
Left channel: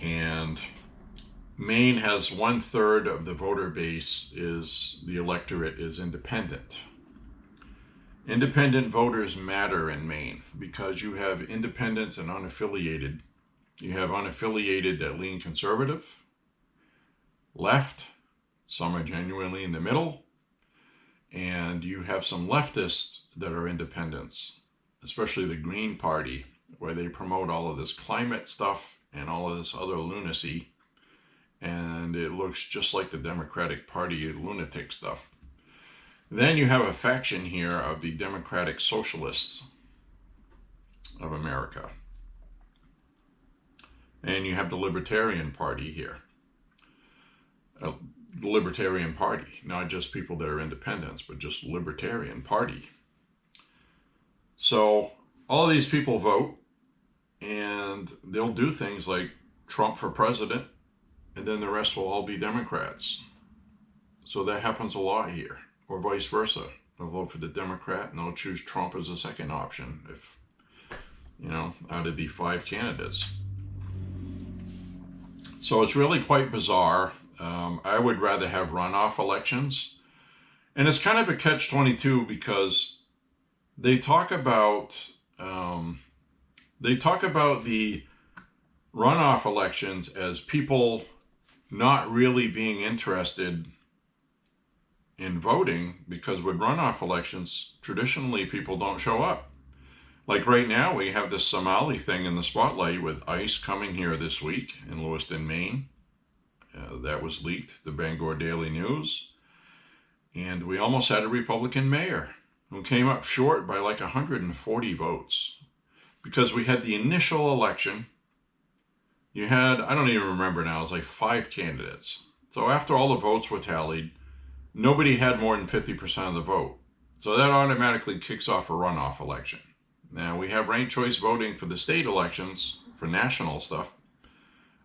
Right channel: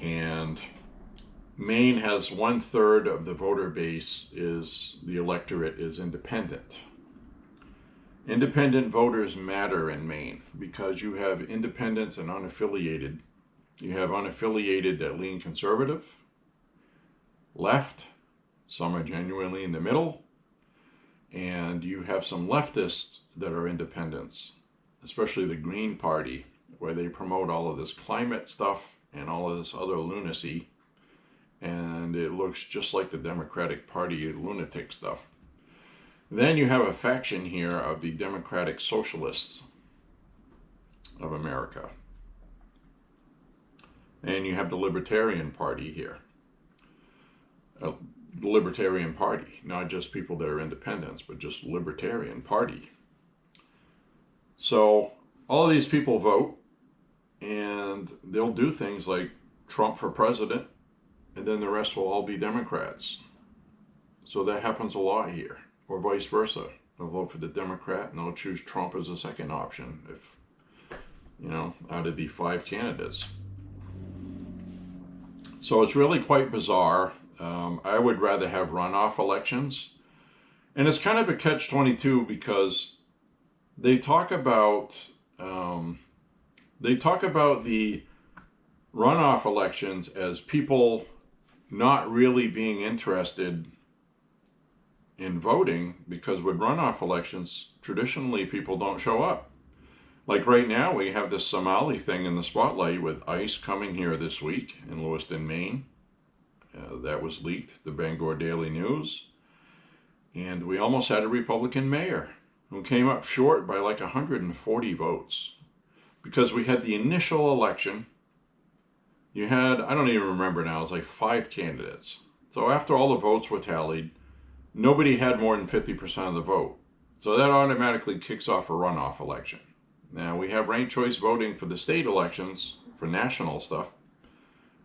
And Maine has 1/3 of the voter base is, the electorate is independent. Independent voters matter in Maine because you have independents and unaffiliated. You have unaffiliated that lean conservative, left, some are genuinely in the middle, and you have some leftists that are independents, especially the Green Party, where they promote all of this climate stuff and all of this other lunacy, and it looks just like the Democratic Party lunatic stuff. Then you have a faction here of the Democratic Socialists of America. And you have the Libertarian Party here. The Libertarian Party, not just people that are independents, but just Libertarian Party. So all of these people vote, and they'll do things like Trump for president, and then the rest will all be Democrats. So that happens a lot here. Or vice versa. They'll vote for the Democrat and they'll choose Trump as a second option if, out of the 5 candidates. So it's really quite bizarre. I would rather have runoff elections. And it's kind of a catch-22 because they talk about the runoff elections as people not really being interested in voting, because with runoff elections, traditionally people don't show up. Like right now, we have this Somali thing in the spotlight with ICE coming here this week in Lewiston, Maine. That was leaked, the Bangor Daily News. And we almost had a Republican mayor who came up short by like 140 votes. Because we had the initial election, you had, I don't even remember now, it was like 5 candidates. So after all the votes were tallied, nobody had more than 50% of the vote. So that automatically kicks off a runoff election. Now we have ranked choice voting for the state elections, for national stuff,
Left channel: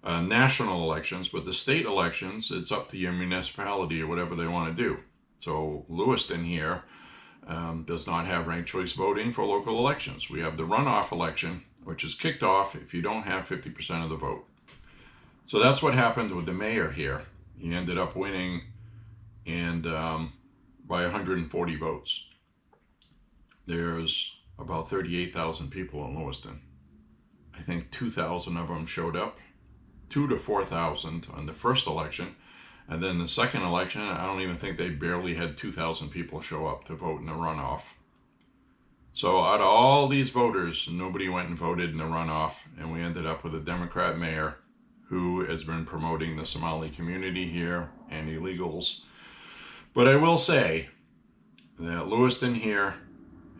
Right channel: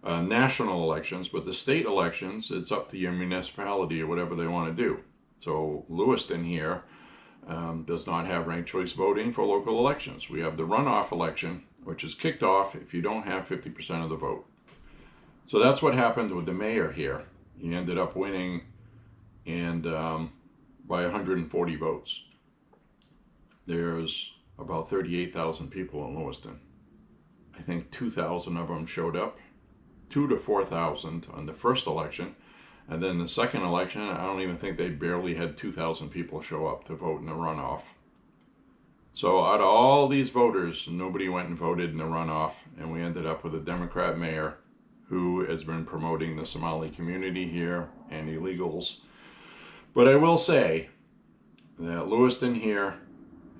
national elections, but the state elections, it's up to your municipality or whatever they want to do. So Lewiston here does not have ranked choice voting for local elections. We have the runoff election, which is kicked off if you don't have 50% of the vote. So that's what happened with the mayor here. He ended up winning and by 140 votes. There's about 38,000 people in Lewiston. I think 2,000 of them showed up, 2,000 to 4,000 on the first election, and then the second election, I don't even think they barely had 2,000 people show up to vote in the runoff. So out of all these voters, nobody went and voted in the runoff, and we ended up with a Democrat mayor who has been promoting the Somali community here and illegals. But I will say that Lewiston here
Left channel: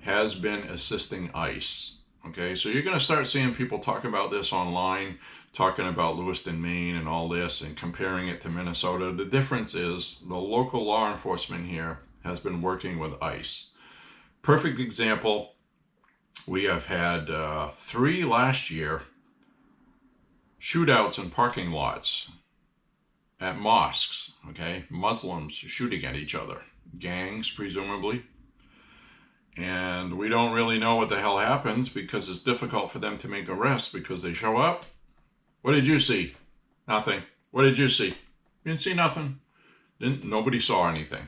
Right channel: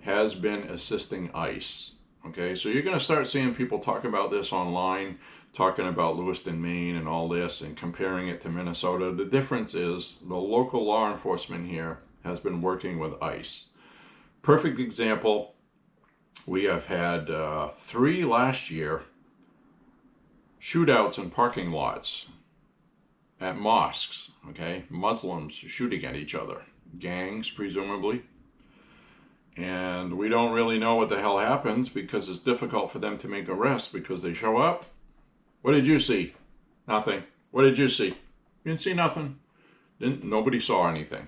has been assisting ICE. Okay, so you're going to start seeing people talk about this online, talking about Lewiston, Maine and all this and comparing it to Minnesota. The difference is the local law enforcement here has been working with ICE. Perfect example, we have had 3 last year shootouts in parking lots at mosques, okay? Muslims shooting at each other, gangs presumably. And we don't really know what the hell happens because it's difficult for them to make arrests because they show up. What did you see? Nothing. What did you see? You didn't see nothing. Nobody saw anything.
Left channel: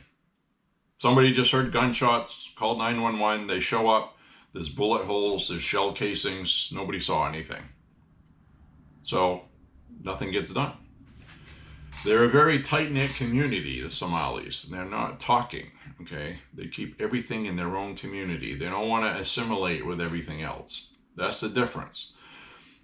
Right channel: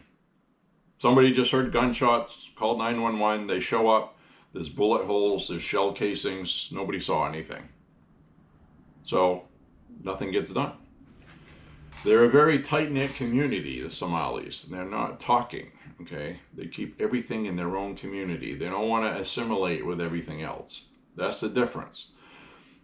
Somebody just heard gunshots, called 911, they show up, there's bullet holes, there's shell casings, nobody saw anything. So nothing gets done. They're a very tight-knit community, the Somalis, and they're not talking, okay? They keep everything in their own community. They don't want to assimilate with everything else. That's the difference.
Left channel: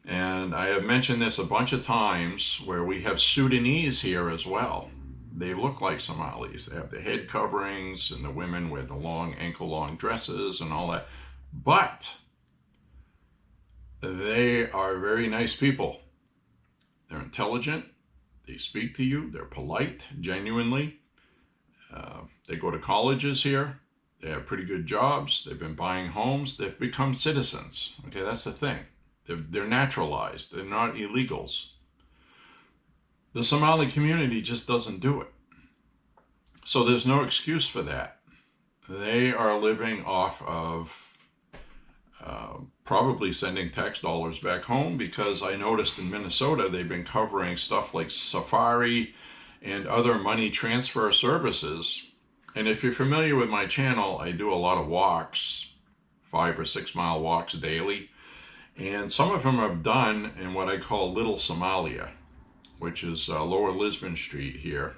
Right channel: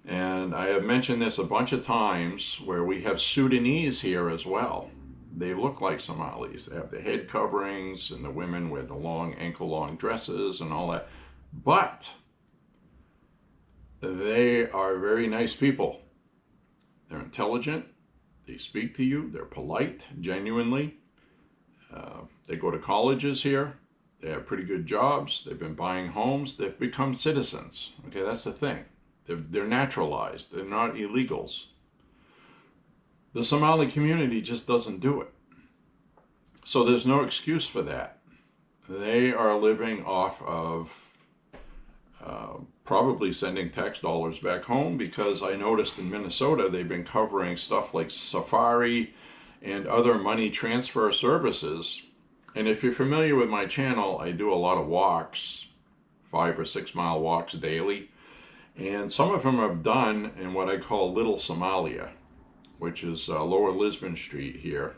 And I have mentioned this a bunch of times where we have Sudanese here as well. They look like Somalis. They have the head coverings and the women with the long ankle-long dresses and all that. But They are very nice people. They're intelligent. They speak to you. They're polite, genuinely. They go to colleges here. They have pretty good jobs. They've been buying homes. They've become citizens. Okay, that's the thing. They're naturalized. They're not illegals. The Somali community just doesn't do it. So there's no excuse for that. They are living off of probably sending tax dollars back home, because I noticed in Minnesota they've been covering stuff like Safari and other money transfer services. And if you're familiar with my channel, I do a lot of walks, 5 or 6 mile walks daily. And some of them I've done in what I call Little Somalia, which is Lower Lisbon Street here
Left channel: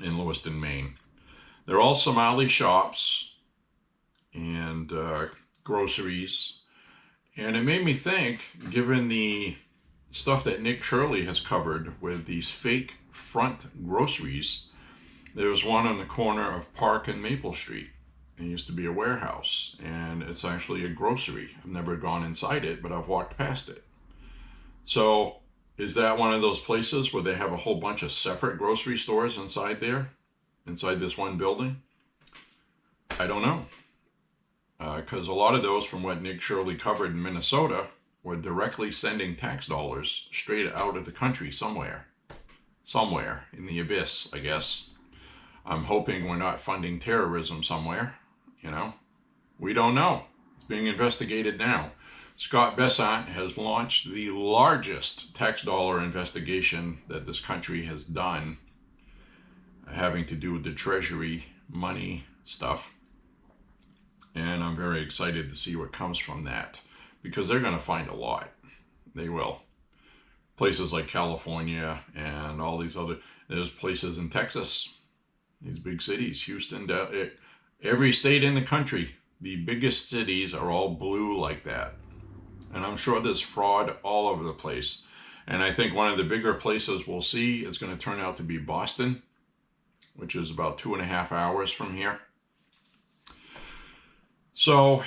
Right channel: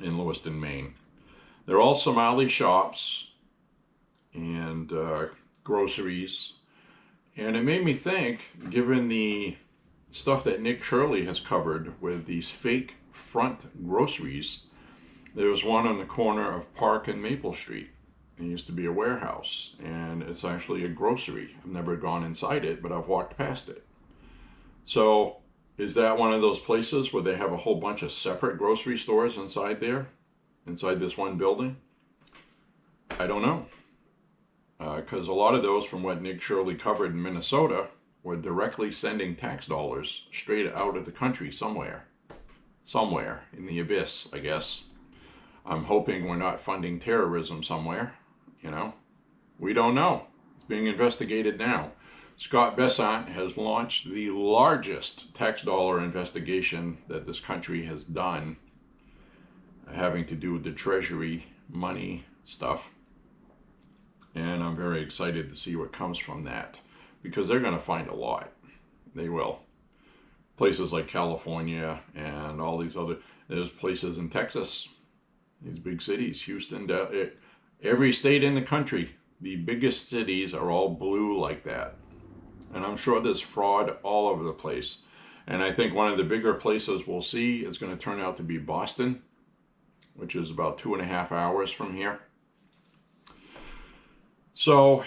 in Lewiston, Maine. They're all Somali shops and groceries. And it made me think, given the stuff that Nick Shirley has covered with these fake front groceries, there was one on the corner of Park and Maple Street. It used to be a warehouse, and it's actually a grocery. I've never gone inside it, but I've walked past it. So is that one of those places where they have a whole bunch of separate grocery stores inside there, inside this one building? I don't know. Because a lot of those, from what Nick Shirley covered in Minnesota, were directly sending tax dollars straight out of the country somewhere in the abyss, I guess. I'm hoping we're not funding terrorism somewhere, you know. We don't know. It's being investigated now. Scott Bessant has launched the largest tax dollar investigation that this country has done, having to do with the Treasury money stuff. And I'm very excited to see what comes from that, because they're going to find a lot. They will. Places like California and all these other, there's places in Texas, these big cities, Houston, every state in the country, the biggest cities are all blue like that. And I'm sure there's fraud all over the place. And I think one of the bigger places we'll see is going to turn out to be Boston, which is about 2.5 hours from here. So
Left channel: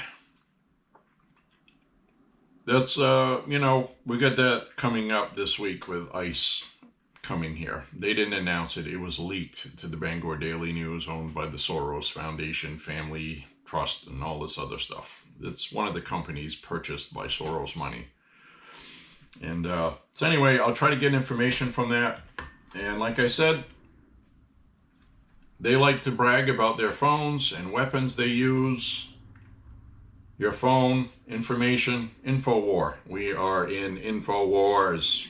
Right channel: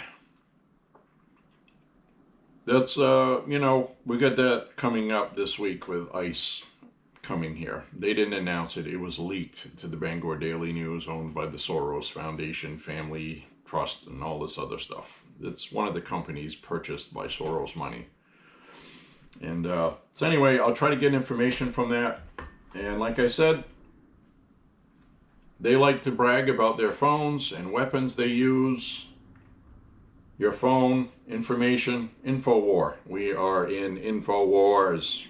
that's, we got that coming up this week with ICE coming here. They didn't announce it. It was leaked to the Bangor Daily News, owned by the Soros Foundation, Family Trust, and all this other stuff. It's one of the companies purchased by Soros money. And so anyway, I'll try to get information from that. And like I said, they like to brag about their phones and weapons they use. Your phone, information, InfoWar. We are in InfoWars.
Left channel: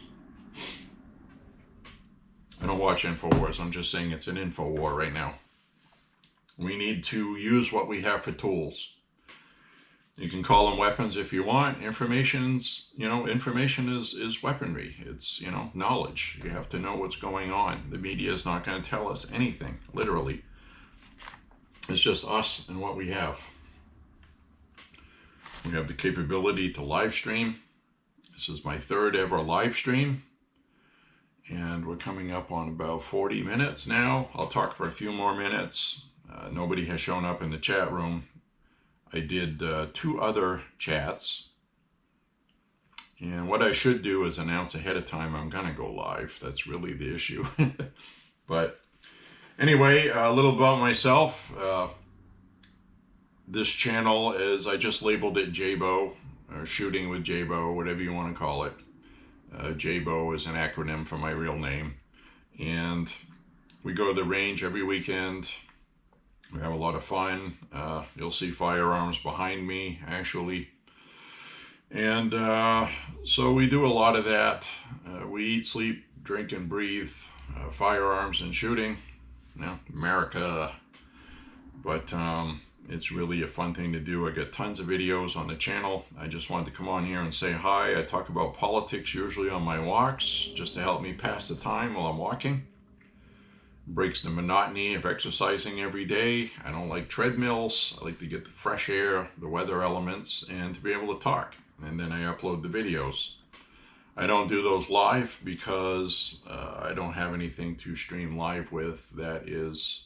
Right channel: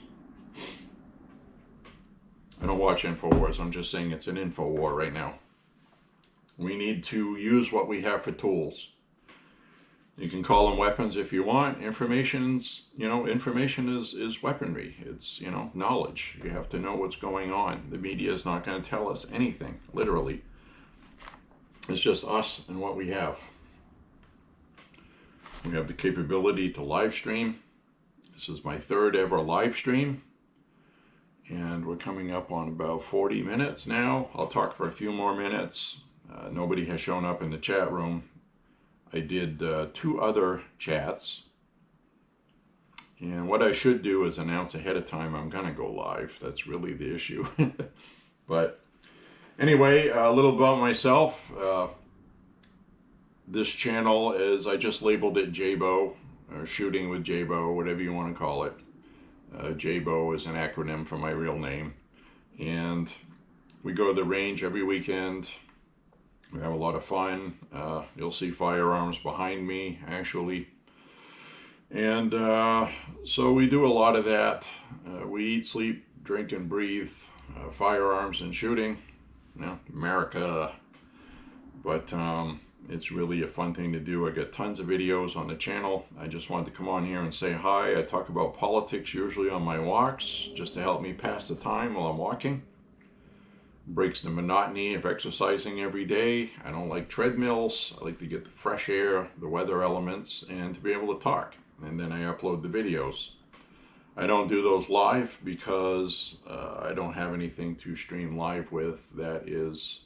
I don't watch InfoWars. I'm just saying it's an InfoWar right now. We need to use what we have for tools. You can call them weapons if you want. Information is weaponry. It's, knowledge. You have to know what's going on. The media is not going to tell us anything, literally. It's just us and what we have. We have the capability to live stream. This is my 3rd ever live stream. And we're coming up on about 40 minutes now. I'll talk for a few more minutes. Nobody has shown up in the chat room. I did 2 other chats. And what I should do is announce ahead of time I'm going to go live. That's really the issue. But anyway, a little about myself. This channel is, I just labeled it J.Beau, or Shooting with J.Beau, whatever you want to call it. J.Beau is an acronym for my real name. And we go to the range every weekend. We have a lot of fun. You'll see firearms behind me, actually. And so we do a lot of that. We eat, sleep, drink, and breathe firearms and shooting. America. But it's really a fun thing to do. I get tons of videos on the channel. I just wanted to come on here and say hi. I talk about politics usually on my walks, just to help me pass the time while I'm walking. Breaks the monotony of exercising every day. I don't like treadmills. I like to get the fresh air, the weather elements, and to be able to talk. And then I upload the videos. I don't do those live because I don't have anything to stream live with that is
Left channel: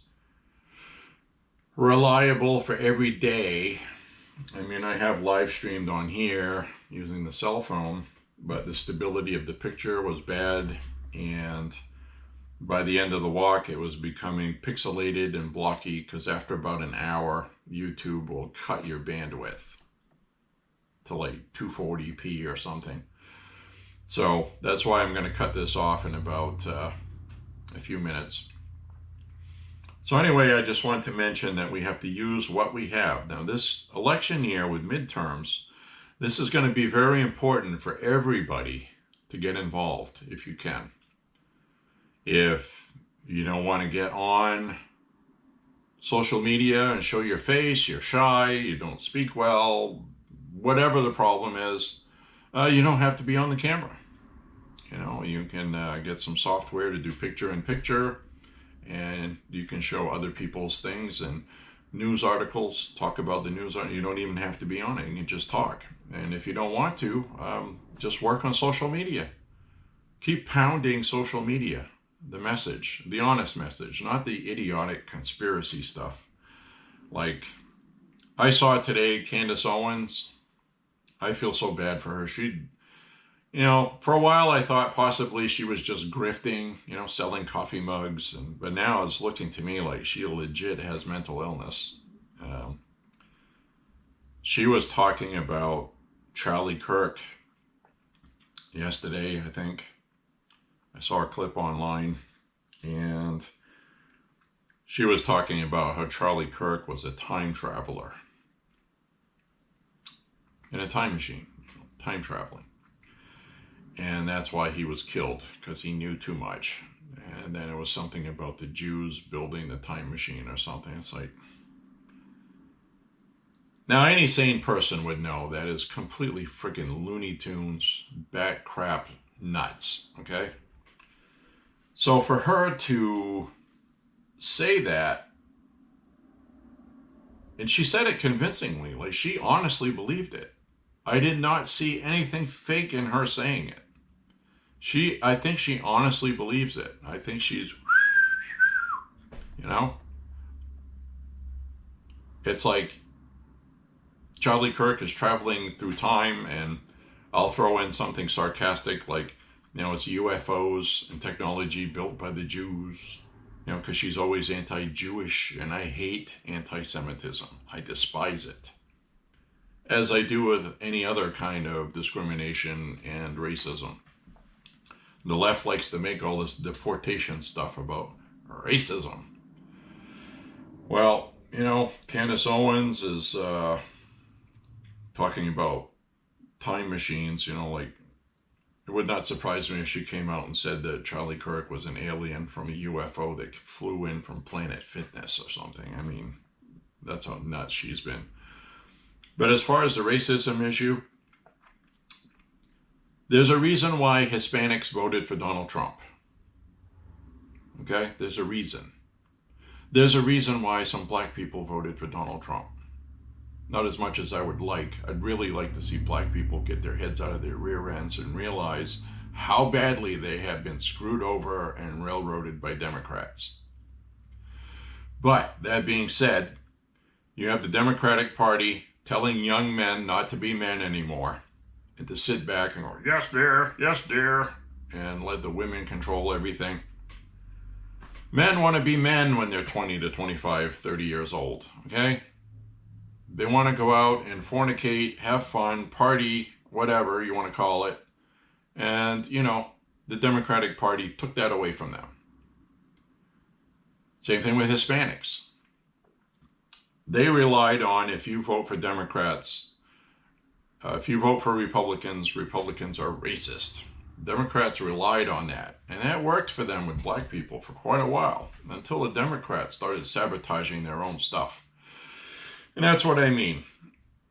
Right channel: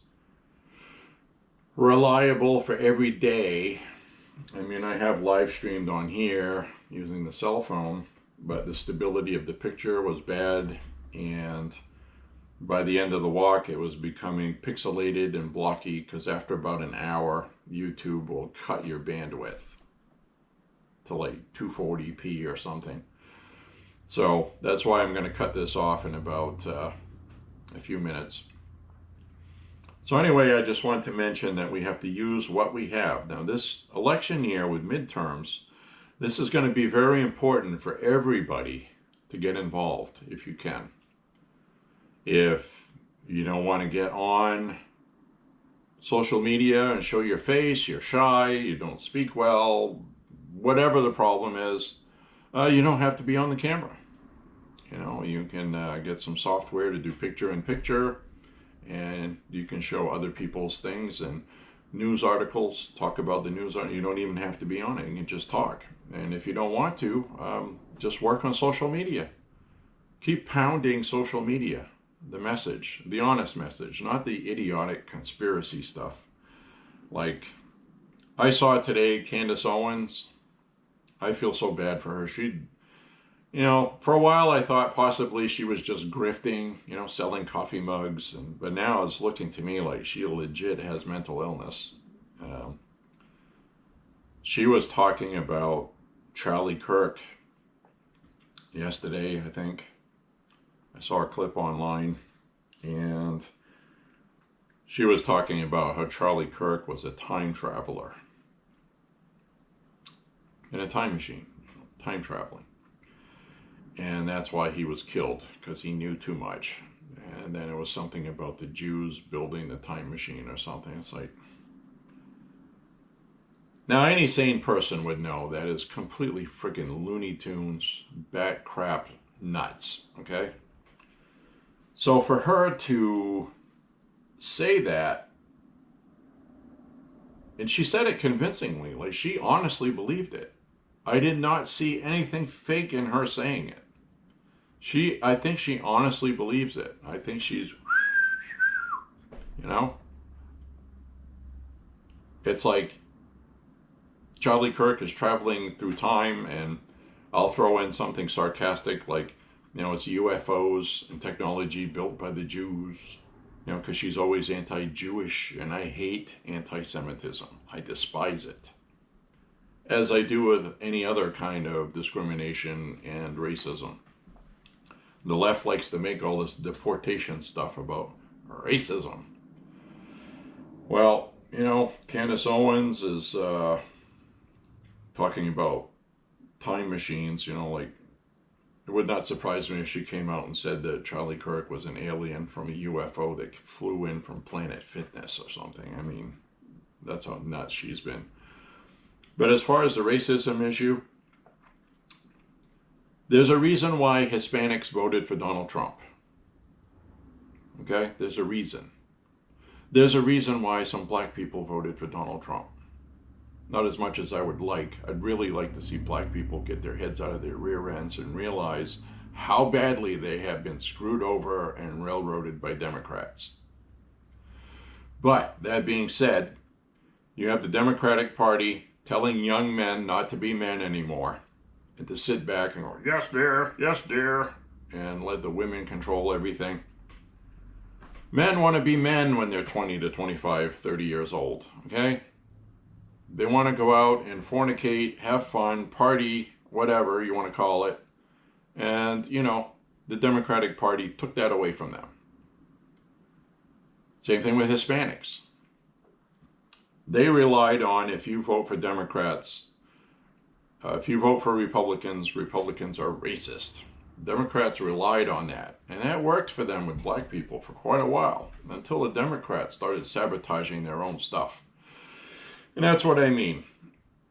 reliable for every day. I mean, I have live streamed on here, using the cell phone, but the stability of the picture was bad, and by the end of the walk it was becoming pixelated and blocky, because after about an hour YouTube will cut your bandwidth to like 240p or something. So that's why I'm going to cut this off in about a few minutes. So anyway, I just wanted to mention that we have to use what we have. Now this election year with midterms, this is going to be very important for everybody to get involved if you can. If you don't want to get on social media and show your face, you're shy, you don't speak well, whatever the problem is, you don't have to be on the camera. You know, you can get some software to do picture-in-picture, and you can show other people's things and news articles, talk about the news. You don't even have to be on it, you can just talk. And if you don't want to, just work on social media. Keep pounding social media, the message, the honest message, not the idiotic conspiracy stuff. Like, I saw today, Candace Owens, I feel so bad for her. You know, for a while I thought possibly she was just grifting, you know, selling coffee mugs, but now it's looking to me like she legit has mental illness. She was talking about Charlie Kirk yesterday, I think. I saw a clip online, and she was talking about how Charlie Kirk was a time traveler in a time machine, time traveling. And that's why he was killed, because he knew too much. And then it was something about the Jews building the time machine or something. It's like, now any sane person would know that is completely freaking Looney Tunes, bat crap, nuts, okay? So for her to say that, and she said it convincingly, like she honestly believed it. I did not see anything fake in her saying it. I think she honestly believes it. I think she's, you know, it's like Charlie Kirk is traveling through time, and I'll throw in something sarcastic like, you know, it's UFOs and technology built by the Jews, you know, because she's always anti-Jewish, and I hate anti-Semitism. I despise it, as I do with any other kind of discrimination and racism. The left likes to make all this deportation stuff about racism. Well, you know, Candace Owens is talking about time machines, you know, like, it would not surprise me if she came out and said that Charlie Kirk was an alien from a UFO that flew in from Planet Fitness or something. I mean, that's how nuts she's been. But as far as the racism issue, there's a reason why Hispanics voted for Donald Trump. Okay? There's a reason. There's a reason why some black people voted for Donald Trump. Not as much as I would like. I'd really like to see black people get their heads out of their rear ends and realize how badly they have been screwed over and railroaded by Democrats. But that being said, you have the Democratic Party telling young men not to be men anymore, and to sit back and go, yes dear, and let the women control everything. Men want to be men when they're 20 to 25, 30 years old, okay? They want to go out and fornicate, have fun, party, whatever you want to call it. And, you know, the Democratic Party took that away from them. Same thing with Hispanics. They relied on, if you vote for Democrats, if you vote for Republicans, Republicans are racist. Democrats relied on that. And that worked for them with black people for quite a while, until the Democrats started sabotaging their own stuff. And that's what I mean.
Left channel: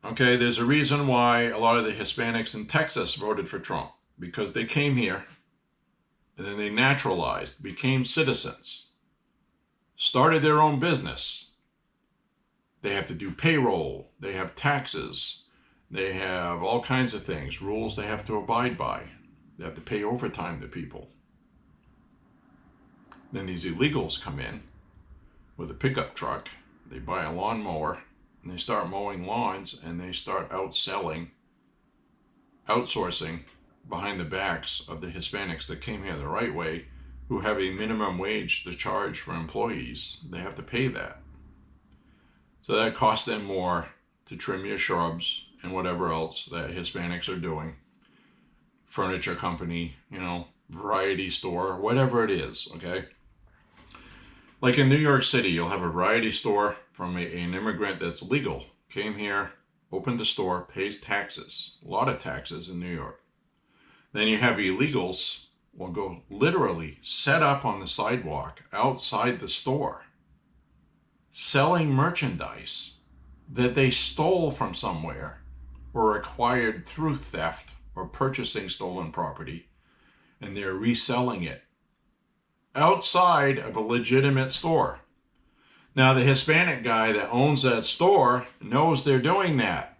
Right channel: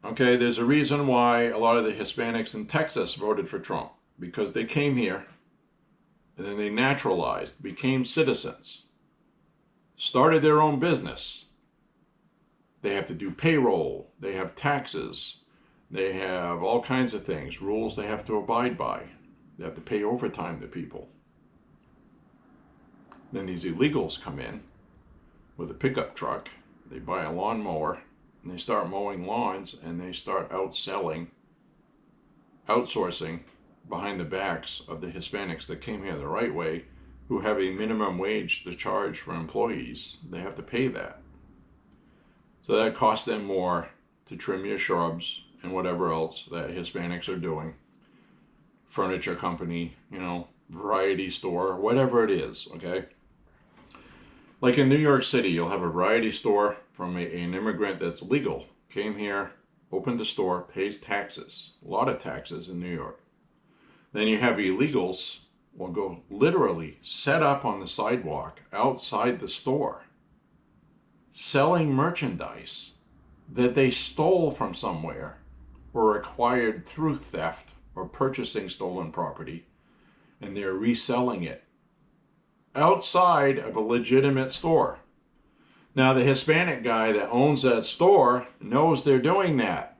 Okay, there's a reason why a lot of the Hispanics in Texas voted for Trump, because they came here and then they naturalized, became citizens, started their own business. They have to do payroll, they have taxes, they have all kinds of things, rules they have to abide by. They have to pay overtime to people. Then these illegals come in with a pickup truck, they buy a lawnmower, and they start mowing lawns, and they start outselling outsourcing behind the backs of the Hispanics that came here the right way, who have a minimum wage to charge for employees. They have to pay that. So that costs them more to trim your shrubs and whatever else that Hispanics are doing. Furniture company, variety store, whatever it is, okay? Like in New York City, you'll have a variety store from an immigrant that's legal, came here, opened a store, pays taxes, a lot of taxes in New York. Then you have illegals will go literally set up on the sidewalk outside the store, selling merchandise that they stole from somewhere or acquired through theft or purchasing stolen property, and they're reselling it outside of a legitimate store. Now, the Hispanic guy that owns that store knows they're doing that.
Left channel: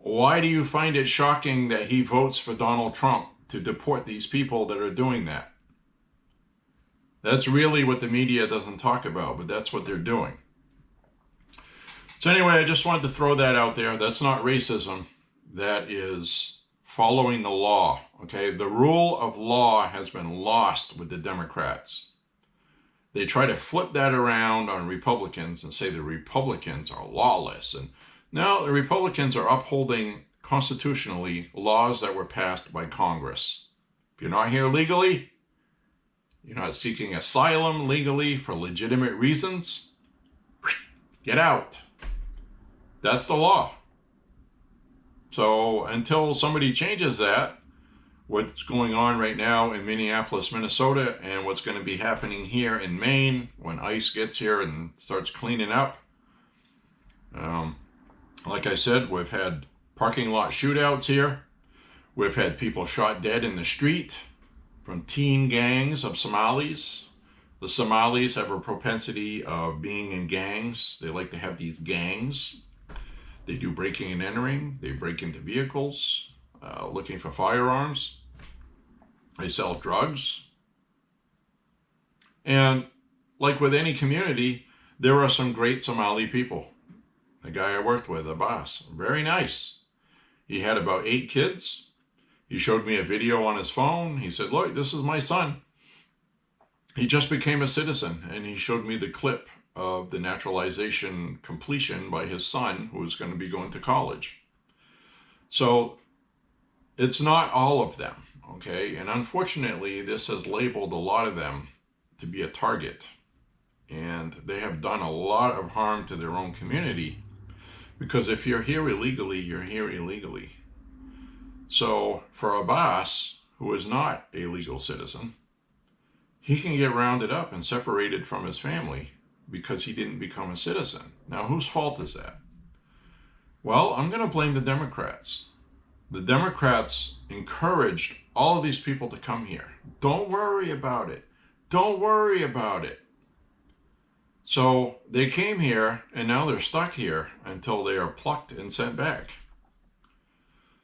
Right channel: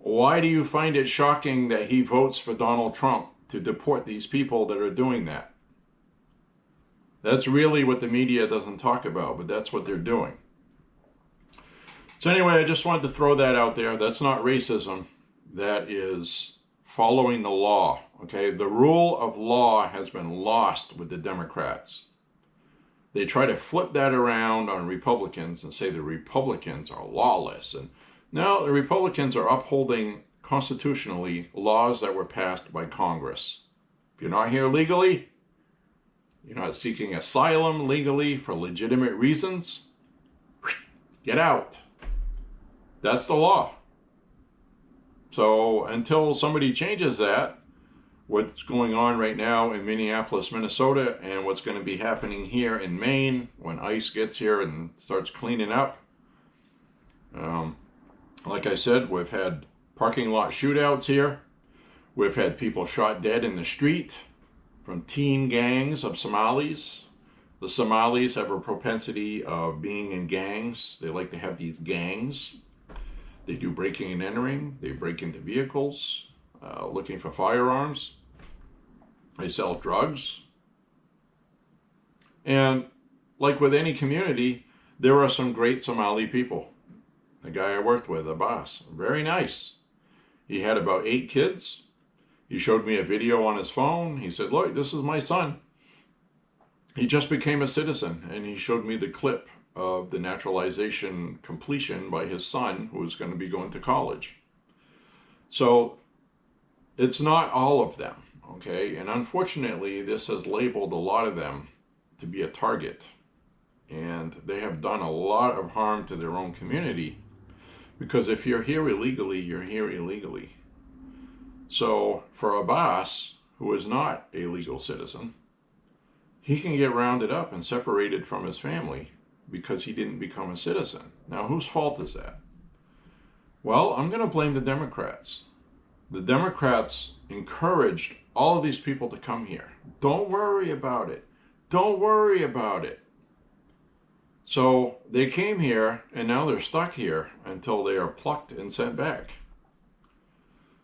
Why do you find it shocking that he votes for Donald Trump to deport these people that are doing that? That's really what the media doesn't talk about, but that's what they're doing. So anyway, I just wanted to throw that out there. That's not racism. That is following the law, okay? The rule of law has been lost with the Democrats. They try to flip that around on Republicans and say the Republicans are lawless. And no, the Republicans are upholding constitutionally laws that were passed by Congress. If you're not here legally, you're not seeking asylum legally for legitimate reasons, get out. That's the law. So until somebody changes that, what's going on right now in Minneapolis, Minnesota, and what's going to be happening here in Maine when ICE gets here and starts cleaning up. Like I said, we've had parking lot shootouts here. We've had people shot dead in the street from teen gangs of Somalis. The Somalis have a propensity of being in gangs. They like to have these gangs. They do breaking and entering. They break into vehicles, looking for firearms. They sell drugs. And like with any community, there are some great Somali people. The guy I worked with, Abbas, very nice. He had about 8 kids. He showed me a video on his phone. He said, look, this is my son. He just became a citizen, and he showed me the clip of the naturalization completion by his son, who is going to be going to college. So it's not all of them, okay? And unfortunately, this has labeled a lot of them to be a target. And they have done a lot of harm to their own community, because if you're here illegally, you're here illegally. So for Abbas, who is not a legal citizen, he can get rounded up and separated from his family because he didn't become a citizen. Now, whose fault is that? Well, I'm going to blame the Democrats. The Democrats encouraged all of these people to come here. Don't worry about it. Don't worry about it. So they came here, and now they're stuck here until they are plucked and sent back.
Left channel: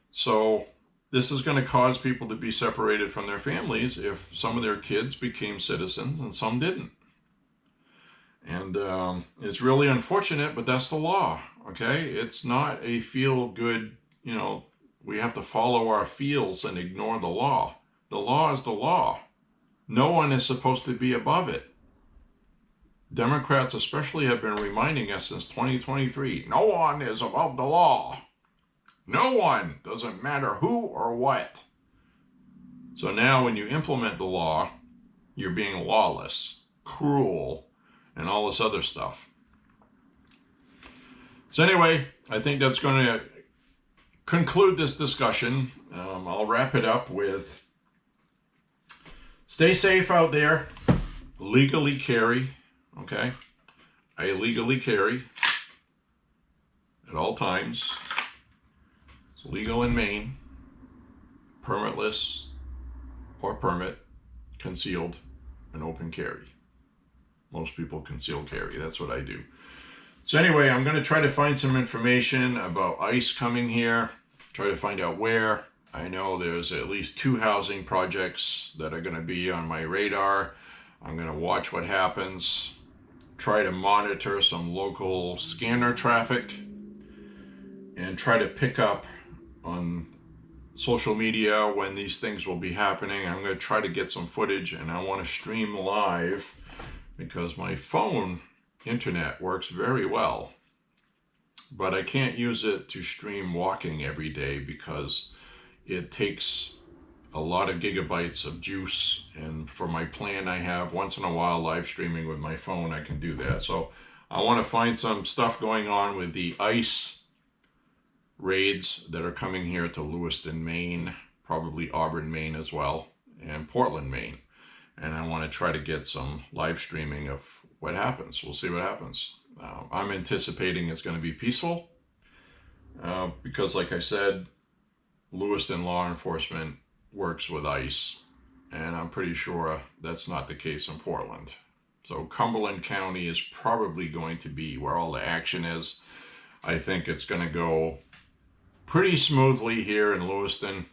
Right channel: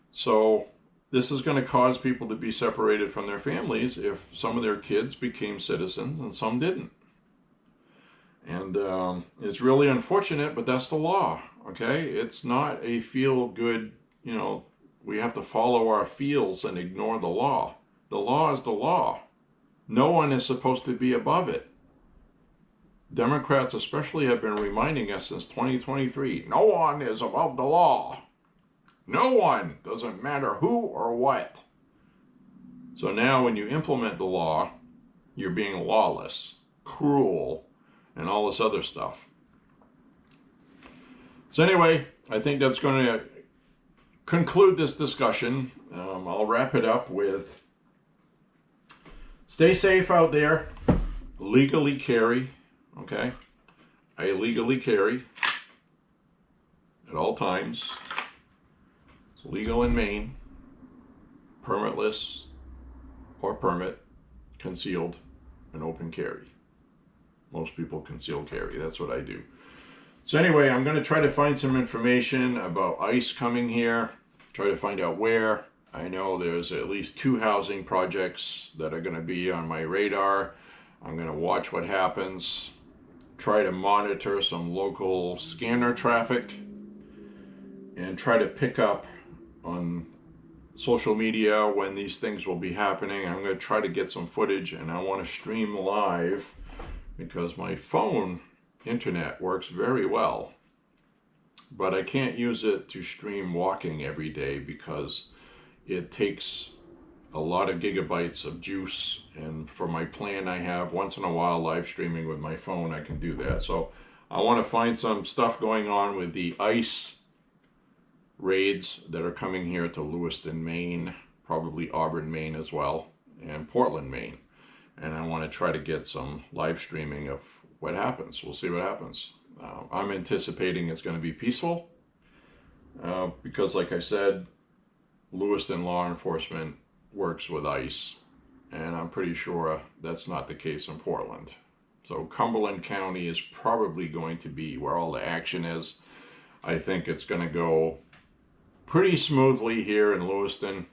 So this is going to cause people to be separated from their families if some of their kids became citizens and some didn't. And it's really unfortunate, but that's the law, okay? It's not a feel-good, we have to follow our feels and ignore the law. The law is the law. No one is supposed to be above it. Democrats especially have been reminding us since 2023, no one is above the law. No one, doesn't matter who or what. So now when you implement the law, you're being lawless, cruel, and all this other stuff. So anyway, I think that's going to conclude this discussion. I'll wrap it up with stay safe out there, legally carry, okay? I legally carry at all times. It's legal in Maine, permitless or permit, concealed, and open carry. Most people conceal carry. That's what I do. So anyway, I'm going to try to find some information about ICE coming here, try to find out where. I know there's at least 2 housing projects that are going to be on my radar. I'm going to watch what happens, try to monitor some local scanner traffic, and try to pick up on social media when these things will be happening. I'm going to try to get some footage, and I want to stream live because my phone internet works very well, but I can't use it to stream walking every day because it takes a lot of gigabytes of juice, and for my plan I have once in a while live streaming with my phone, I can do that. So I want to find some stuff going on with the ICE raids that are coming here to Lewiston, Maine, probably Auburn, Maine as well, and Portland, Maine. And I want to try to get some live streaming of what happens. We'll see what happens. I'm anticipating it's going to be peaceful because, like I said, Lewiston law enforcement works with ICE, and I'm pretty sure that's not the case in Portland. So Cumberland County is probably going to be where all the action is. I think it's going to go pretty smoothly here in Lewiston.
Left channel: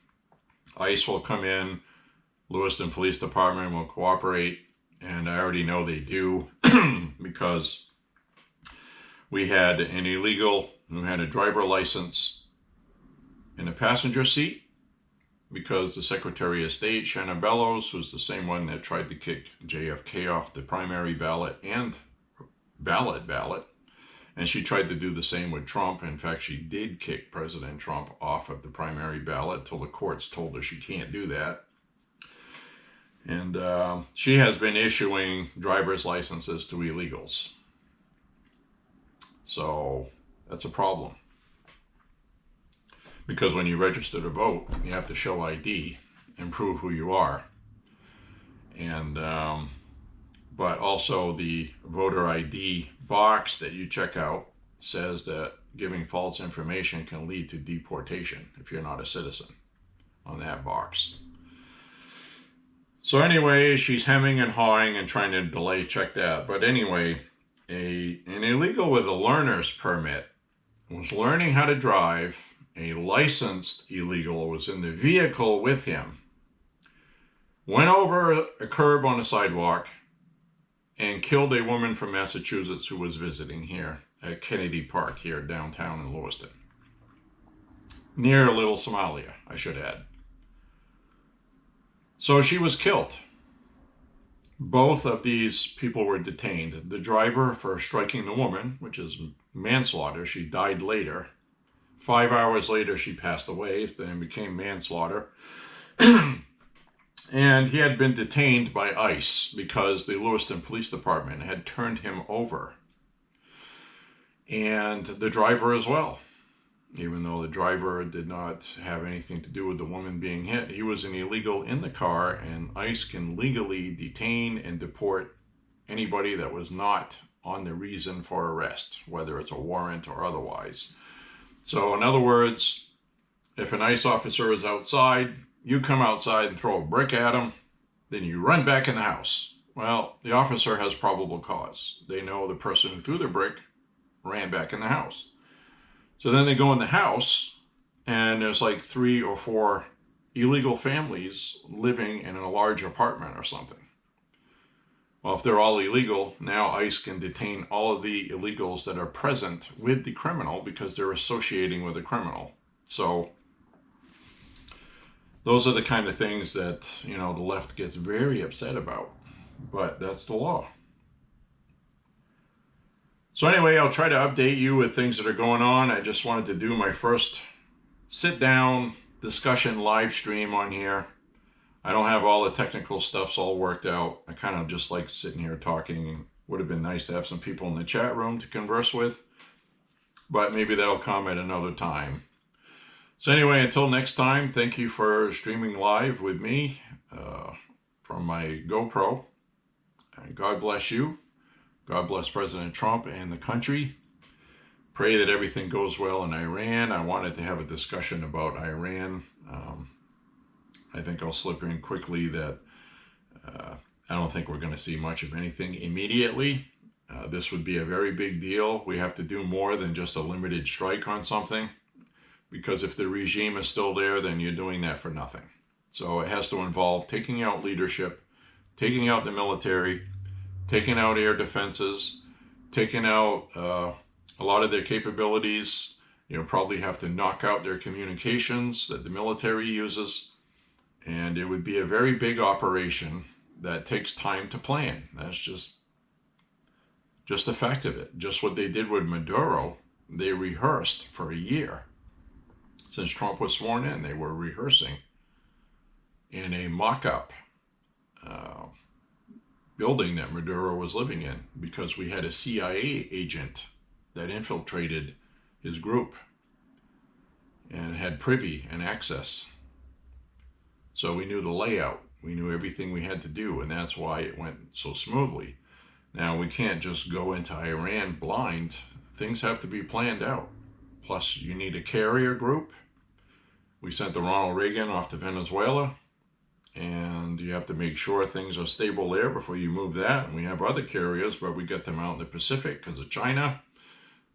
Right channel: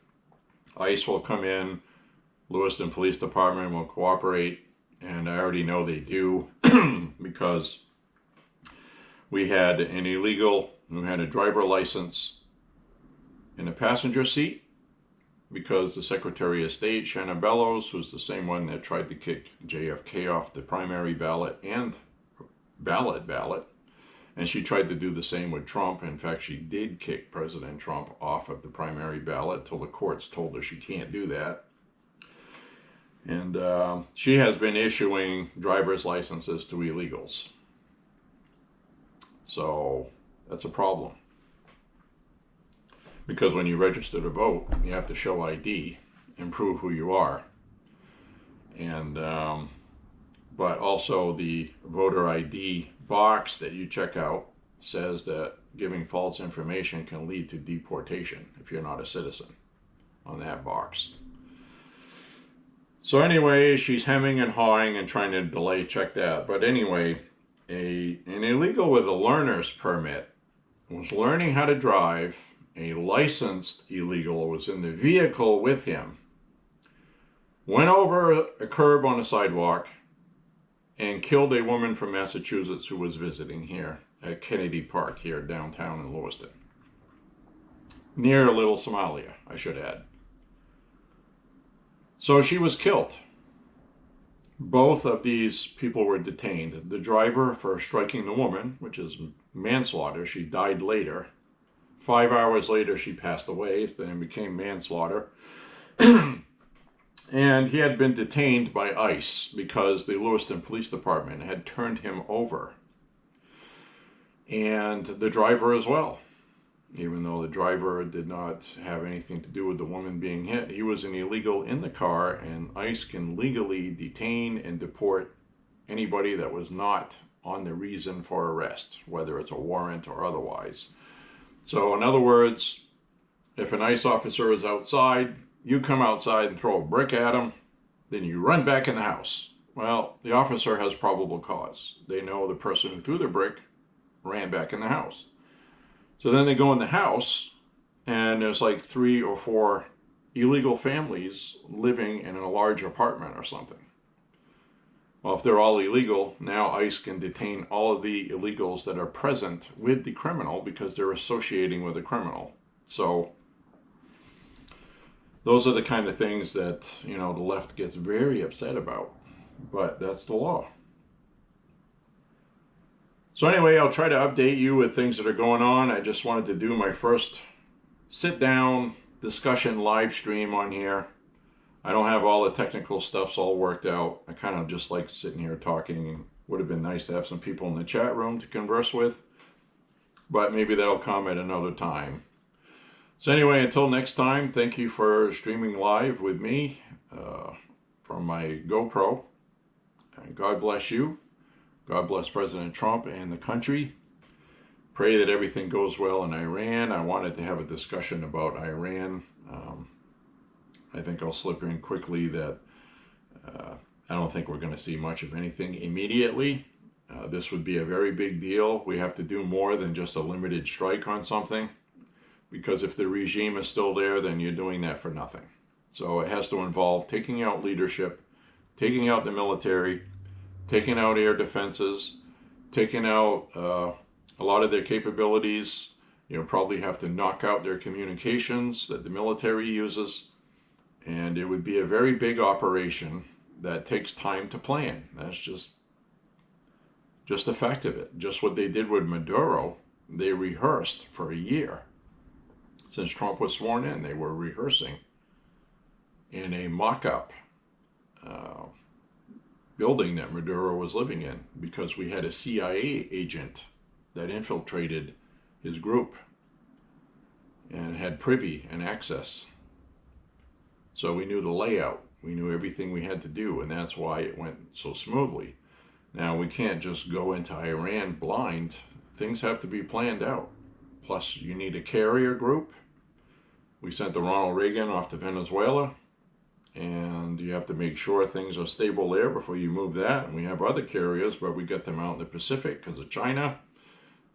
ICE will come in, Lewiston Police Department will cooperate, and I already know they do because we had an illegal who had a driver license in the passenger seat because the Secretary of State, Shannon Bellows, who's the same one that tried to kick JFK off the primary ballot and ballot, and she tried to do the same with Trump. In fact, she did kick President Trump off of the primary ballot till the courts told her she can't do that. And she has been issuing driver's licenses to illegals. So that's a problem. Because when you register to vote, you have to show ID and prove who you are. And but also the voter ID box that you check out says that giving false information can lead to deportation if you're not a citizen on that box. So anyway, she's hemming and hawing and trying to delay check that. But anyway, an illegal with a learner's permit was learning how to drive. A licensed illegal was in the vehicle with him, went over a curb on a sidewalk, and killed a woman from Massachusetts who was visiting here at Kennedy Park here downtown in Lewiston. Near Little Somalia, I should add. So she was killed. Both of these people were detained. The driver for striking the woman, which is manslaughter. She died later. 5 hours later, she passed away. Then it became manslaughter. And he had been detained by ICE because the Lewiston Police Department had turned him over. And the driver as well. Even though the driver did not have anything to do with the woman being hit, he was an illegal in the car, and ICE can legally detain and deport anybody that was not on the reason for arrest, whether it's a warrant or otherwise. So in other words, if an ICE officer is outside, you come outside and throw a brick at him, then you run back in the house. Well, the officer has probable cause. They know the person who threw the brick ran back in the house. So then they go in the house, and there's like 3 or 4 illegal families living in a large apartment or something. Well, if they're all illegal, now ICE can detain all of the illegals that are present with the criminal because they're associating with the criminal. So those are the kind of things that, the left gets very upset about. But that's the law. So anyway, I'll try to update you with things that are going on. I just wanted to do my first sit-down discussion live stream on here. I don't have all the technical stuff all worked out. I kind of just like sitting here talking. Would have been nice to have some people in the chat room to converse with, but maybe that'll come at another time. So anyway, until next time, thank you for streaming live with me from my GoPro. And God bless you. God bless President Trump and the country. Pray that everything goes well in Iran. I wanted to have a discussion about Iran. I think I'll slip in quickly that I don't think we're going to see much of anything immediately. This would be a very big deal. We have to do more than just a limited strike on something, because if the regime is still there, then you're doing that for nothing. So it has to involve taking out leadership, taking out the military, taking out air defenses, taking out a lot of their capabilities, probably have to knock out their communications that the military uses. And it would be a very big operation that takes time to plan. That's just a fact of it. Just what they did with Maduro, they rehearsed for a year. Since Trump was sworn in, they were rehearsing in a mock-up building that Maduro was living in, because we had a CIA agent that infiltrated his group and had privy and access. So we knew the layout. We knew everything we had to do, and that's why it went so smoothly. Now, we can't just go into Iran blind. Things have to be planned out. Plus, you need a carrier group. We sent the Ronald Reagan off to Venezuela, and you have to make sure things are stable there before you move that. And we have other carriers, but we get them out in the Pacific because of China,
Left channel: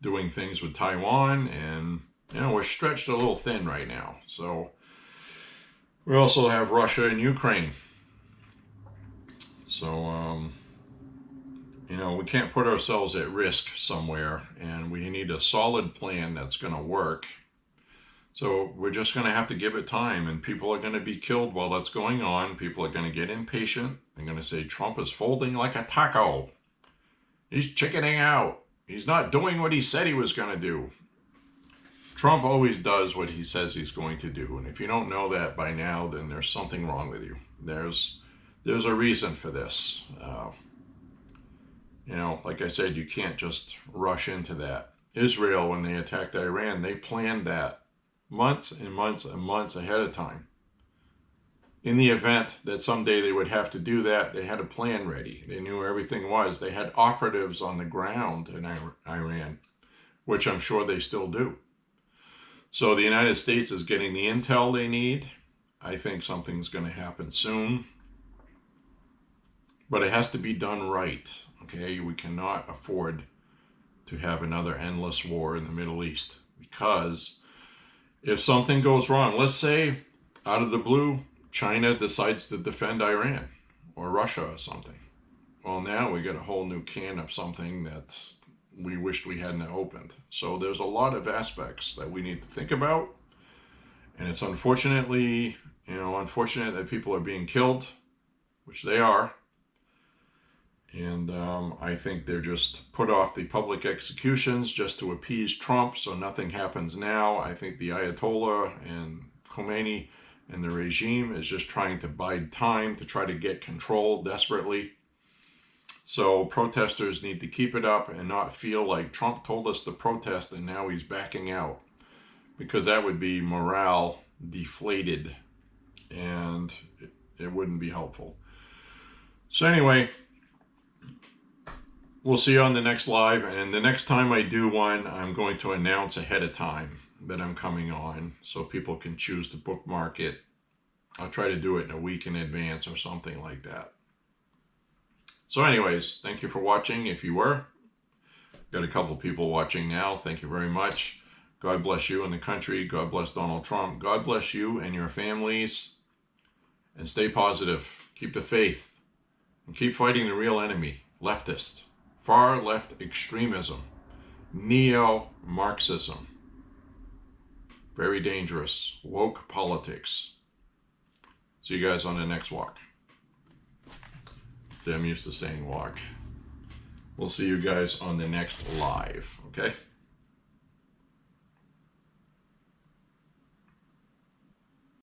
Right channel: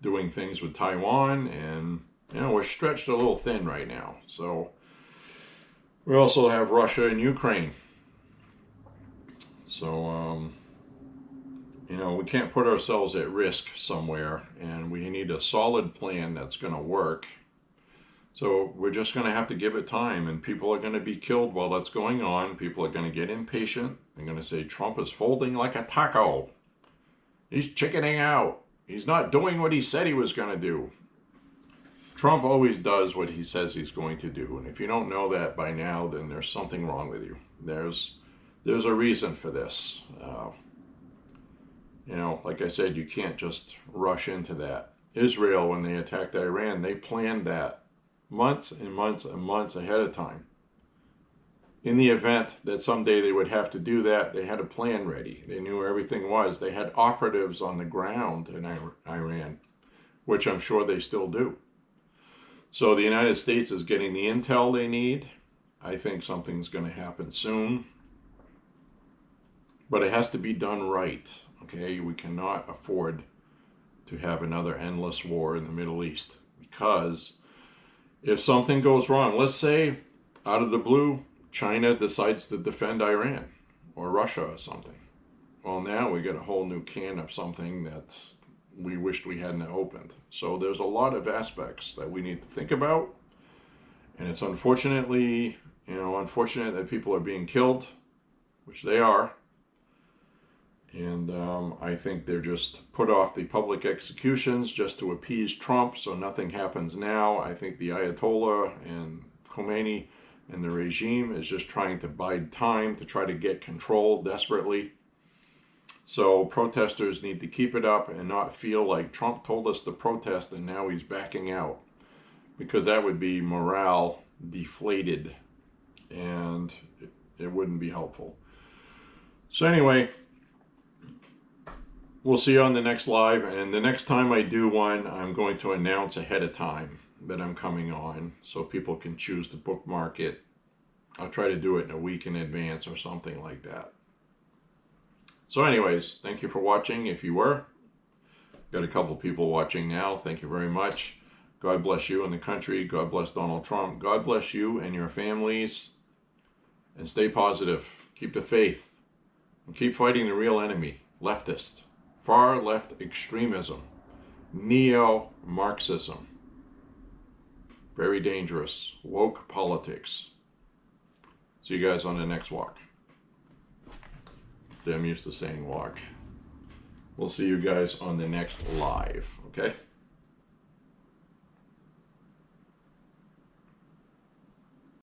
doing things with Taiwan, and we're stretched a little thin right now. So we also have Russia and Ukraine. So, we can't put ourselves at risk somewhere, and we need a solid plan that's going to work. So we're just going to have to give it time, and people are going to be killed while that's going on. People are going to get impatient. They're going to say Trump is folding like a taco. He's chickening out. He's not doing what he said he was going to do. Trump always does what he says he's going to do, and if you don't know that by now, then there's something wrong with you. There's a reason for this. Like I said, you can't just rush into that. Israel, when they attacked Iran, they planned that months and months and months ahead of time. In the event that someday they would have to do that, they had a plan ready. They knew where everything was. They had operatives on the ground in Iran, which I'm sure they still do. So the United States is getting the intel they need. I think something's going to happen soon. But it has to be done right, okay? We cannot afford to have another endless war in the Middle East, because if something goes wrong, let's say out of the blue, China decides to defend Iran or Russia or something. Well, now we get a whole new can of something that we wished we hadn't opened. So there's a lot of aspects that we need to think about. And it's unfortunate that people are being killed, which they are. And I think they're just put off the public executions just to appease Trump, so nothing happens now. I think the Ayatollah and Khomeini and the regime is just trying to bide time to try to get control desperately. So protesters need to keep it up and not feel like Trump told us to protest and now he's backing out, because that would be morale deflated and it wouldn't be helpful. So anyway, we'll see you on the next live, and the next time I do one, I'm going to announce ahead of time that I'm coming on so people can choose to bookmark it. I'll try to do it in a week in advance or something like that. So anyways, thank you for watching if you were. Got a couple people watching now. Thank you very much. God bless you and the country. God bless Donald Trump. God bless you and your families. And stay positive. Keep the faith. And keep fighting the real enemy, leftist. Far left extremism, neo-Marxism, very dangerous, woke politics. See you guys on the next walk. See, I'm used to saying walk. We'll see you guys on the next live, okay?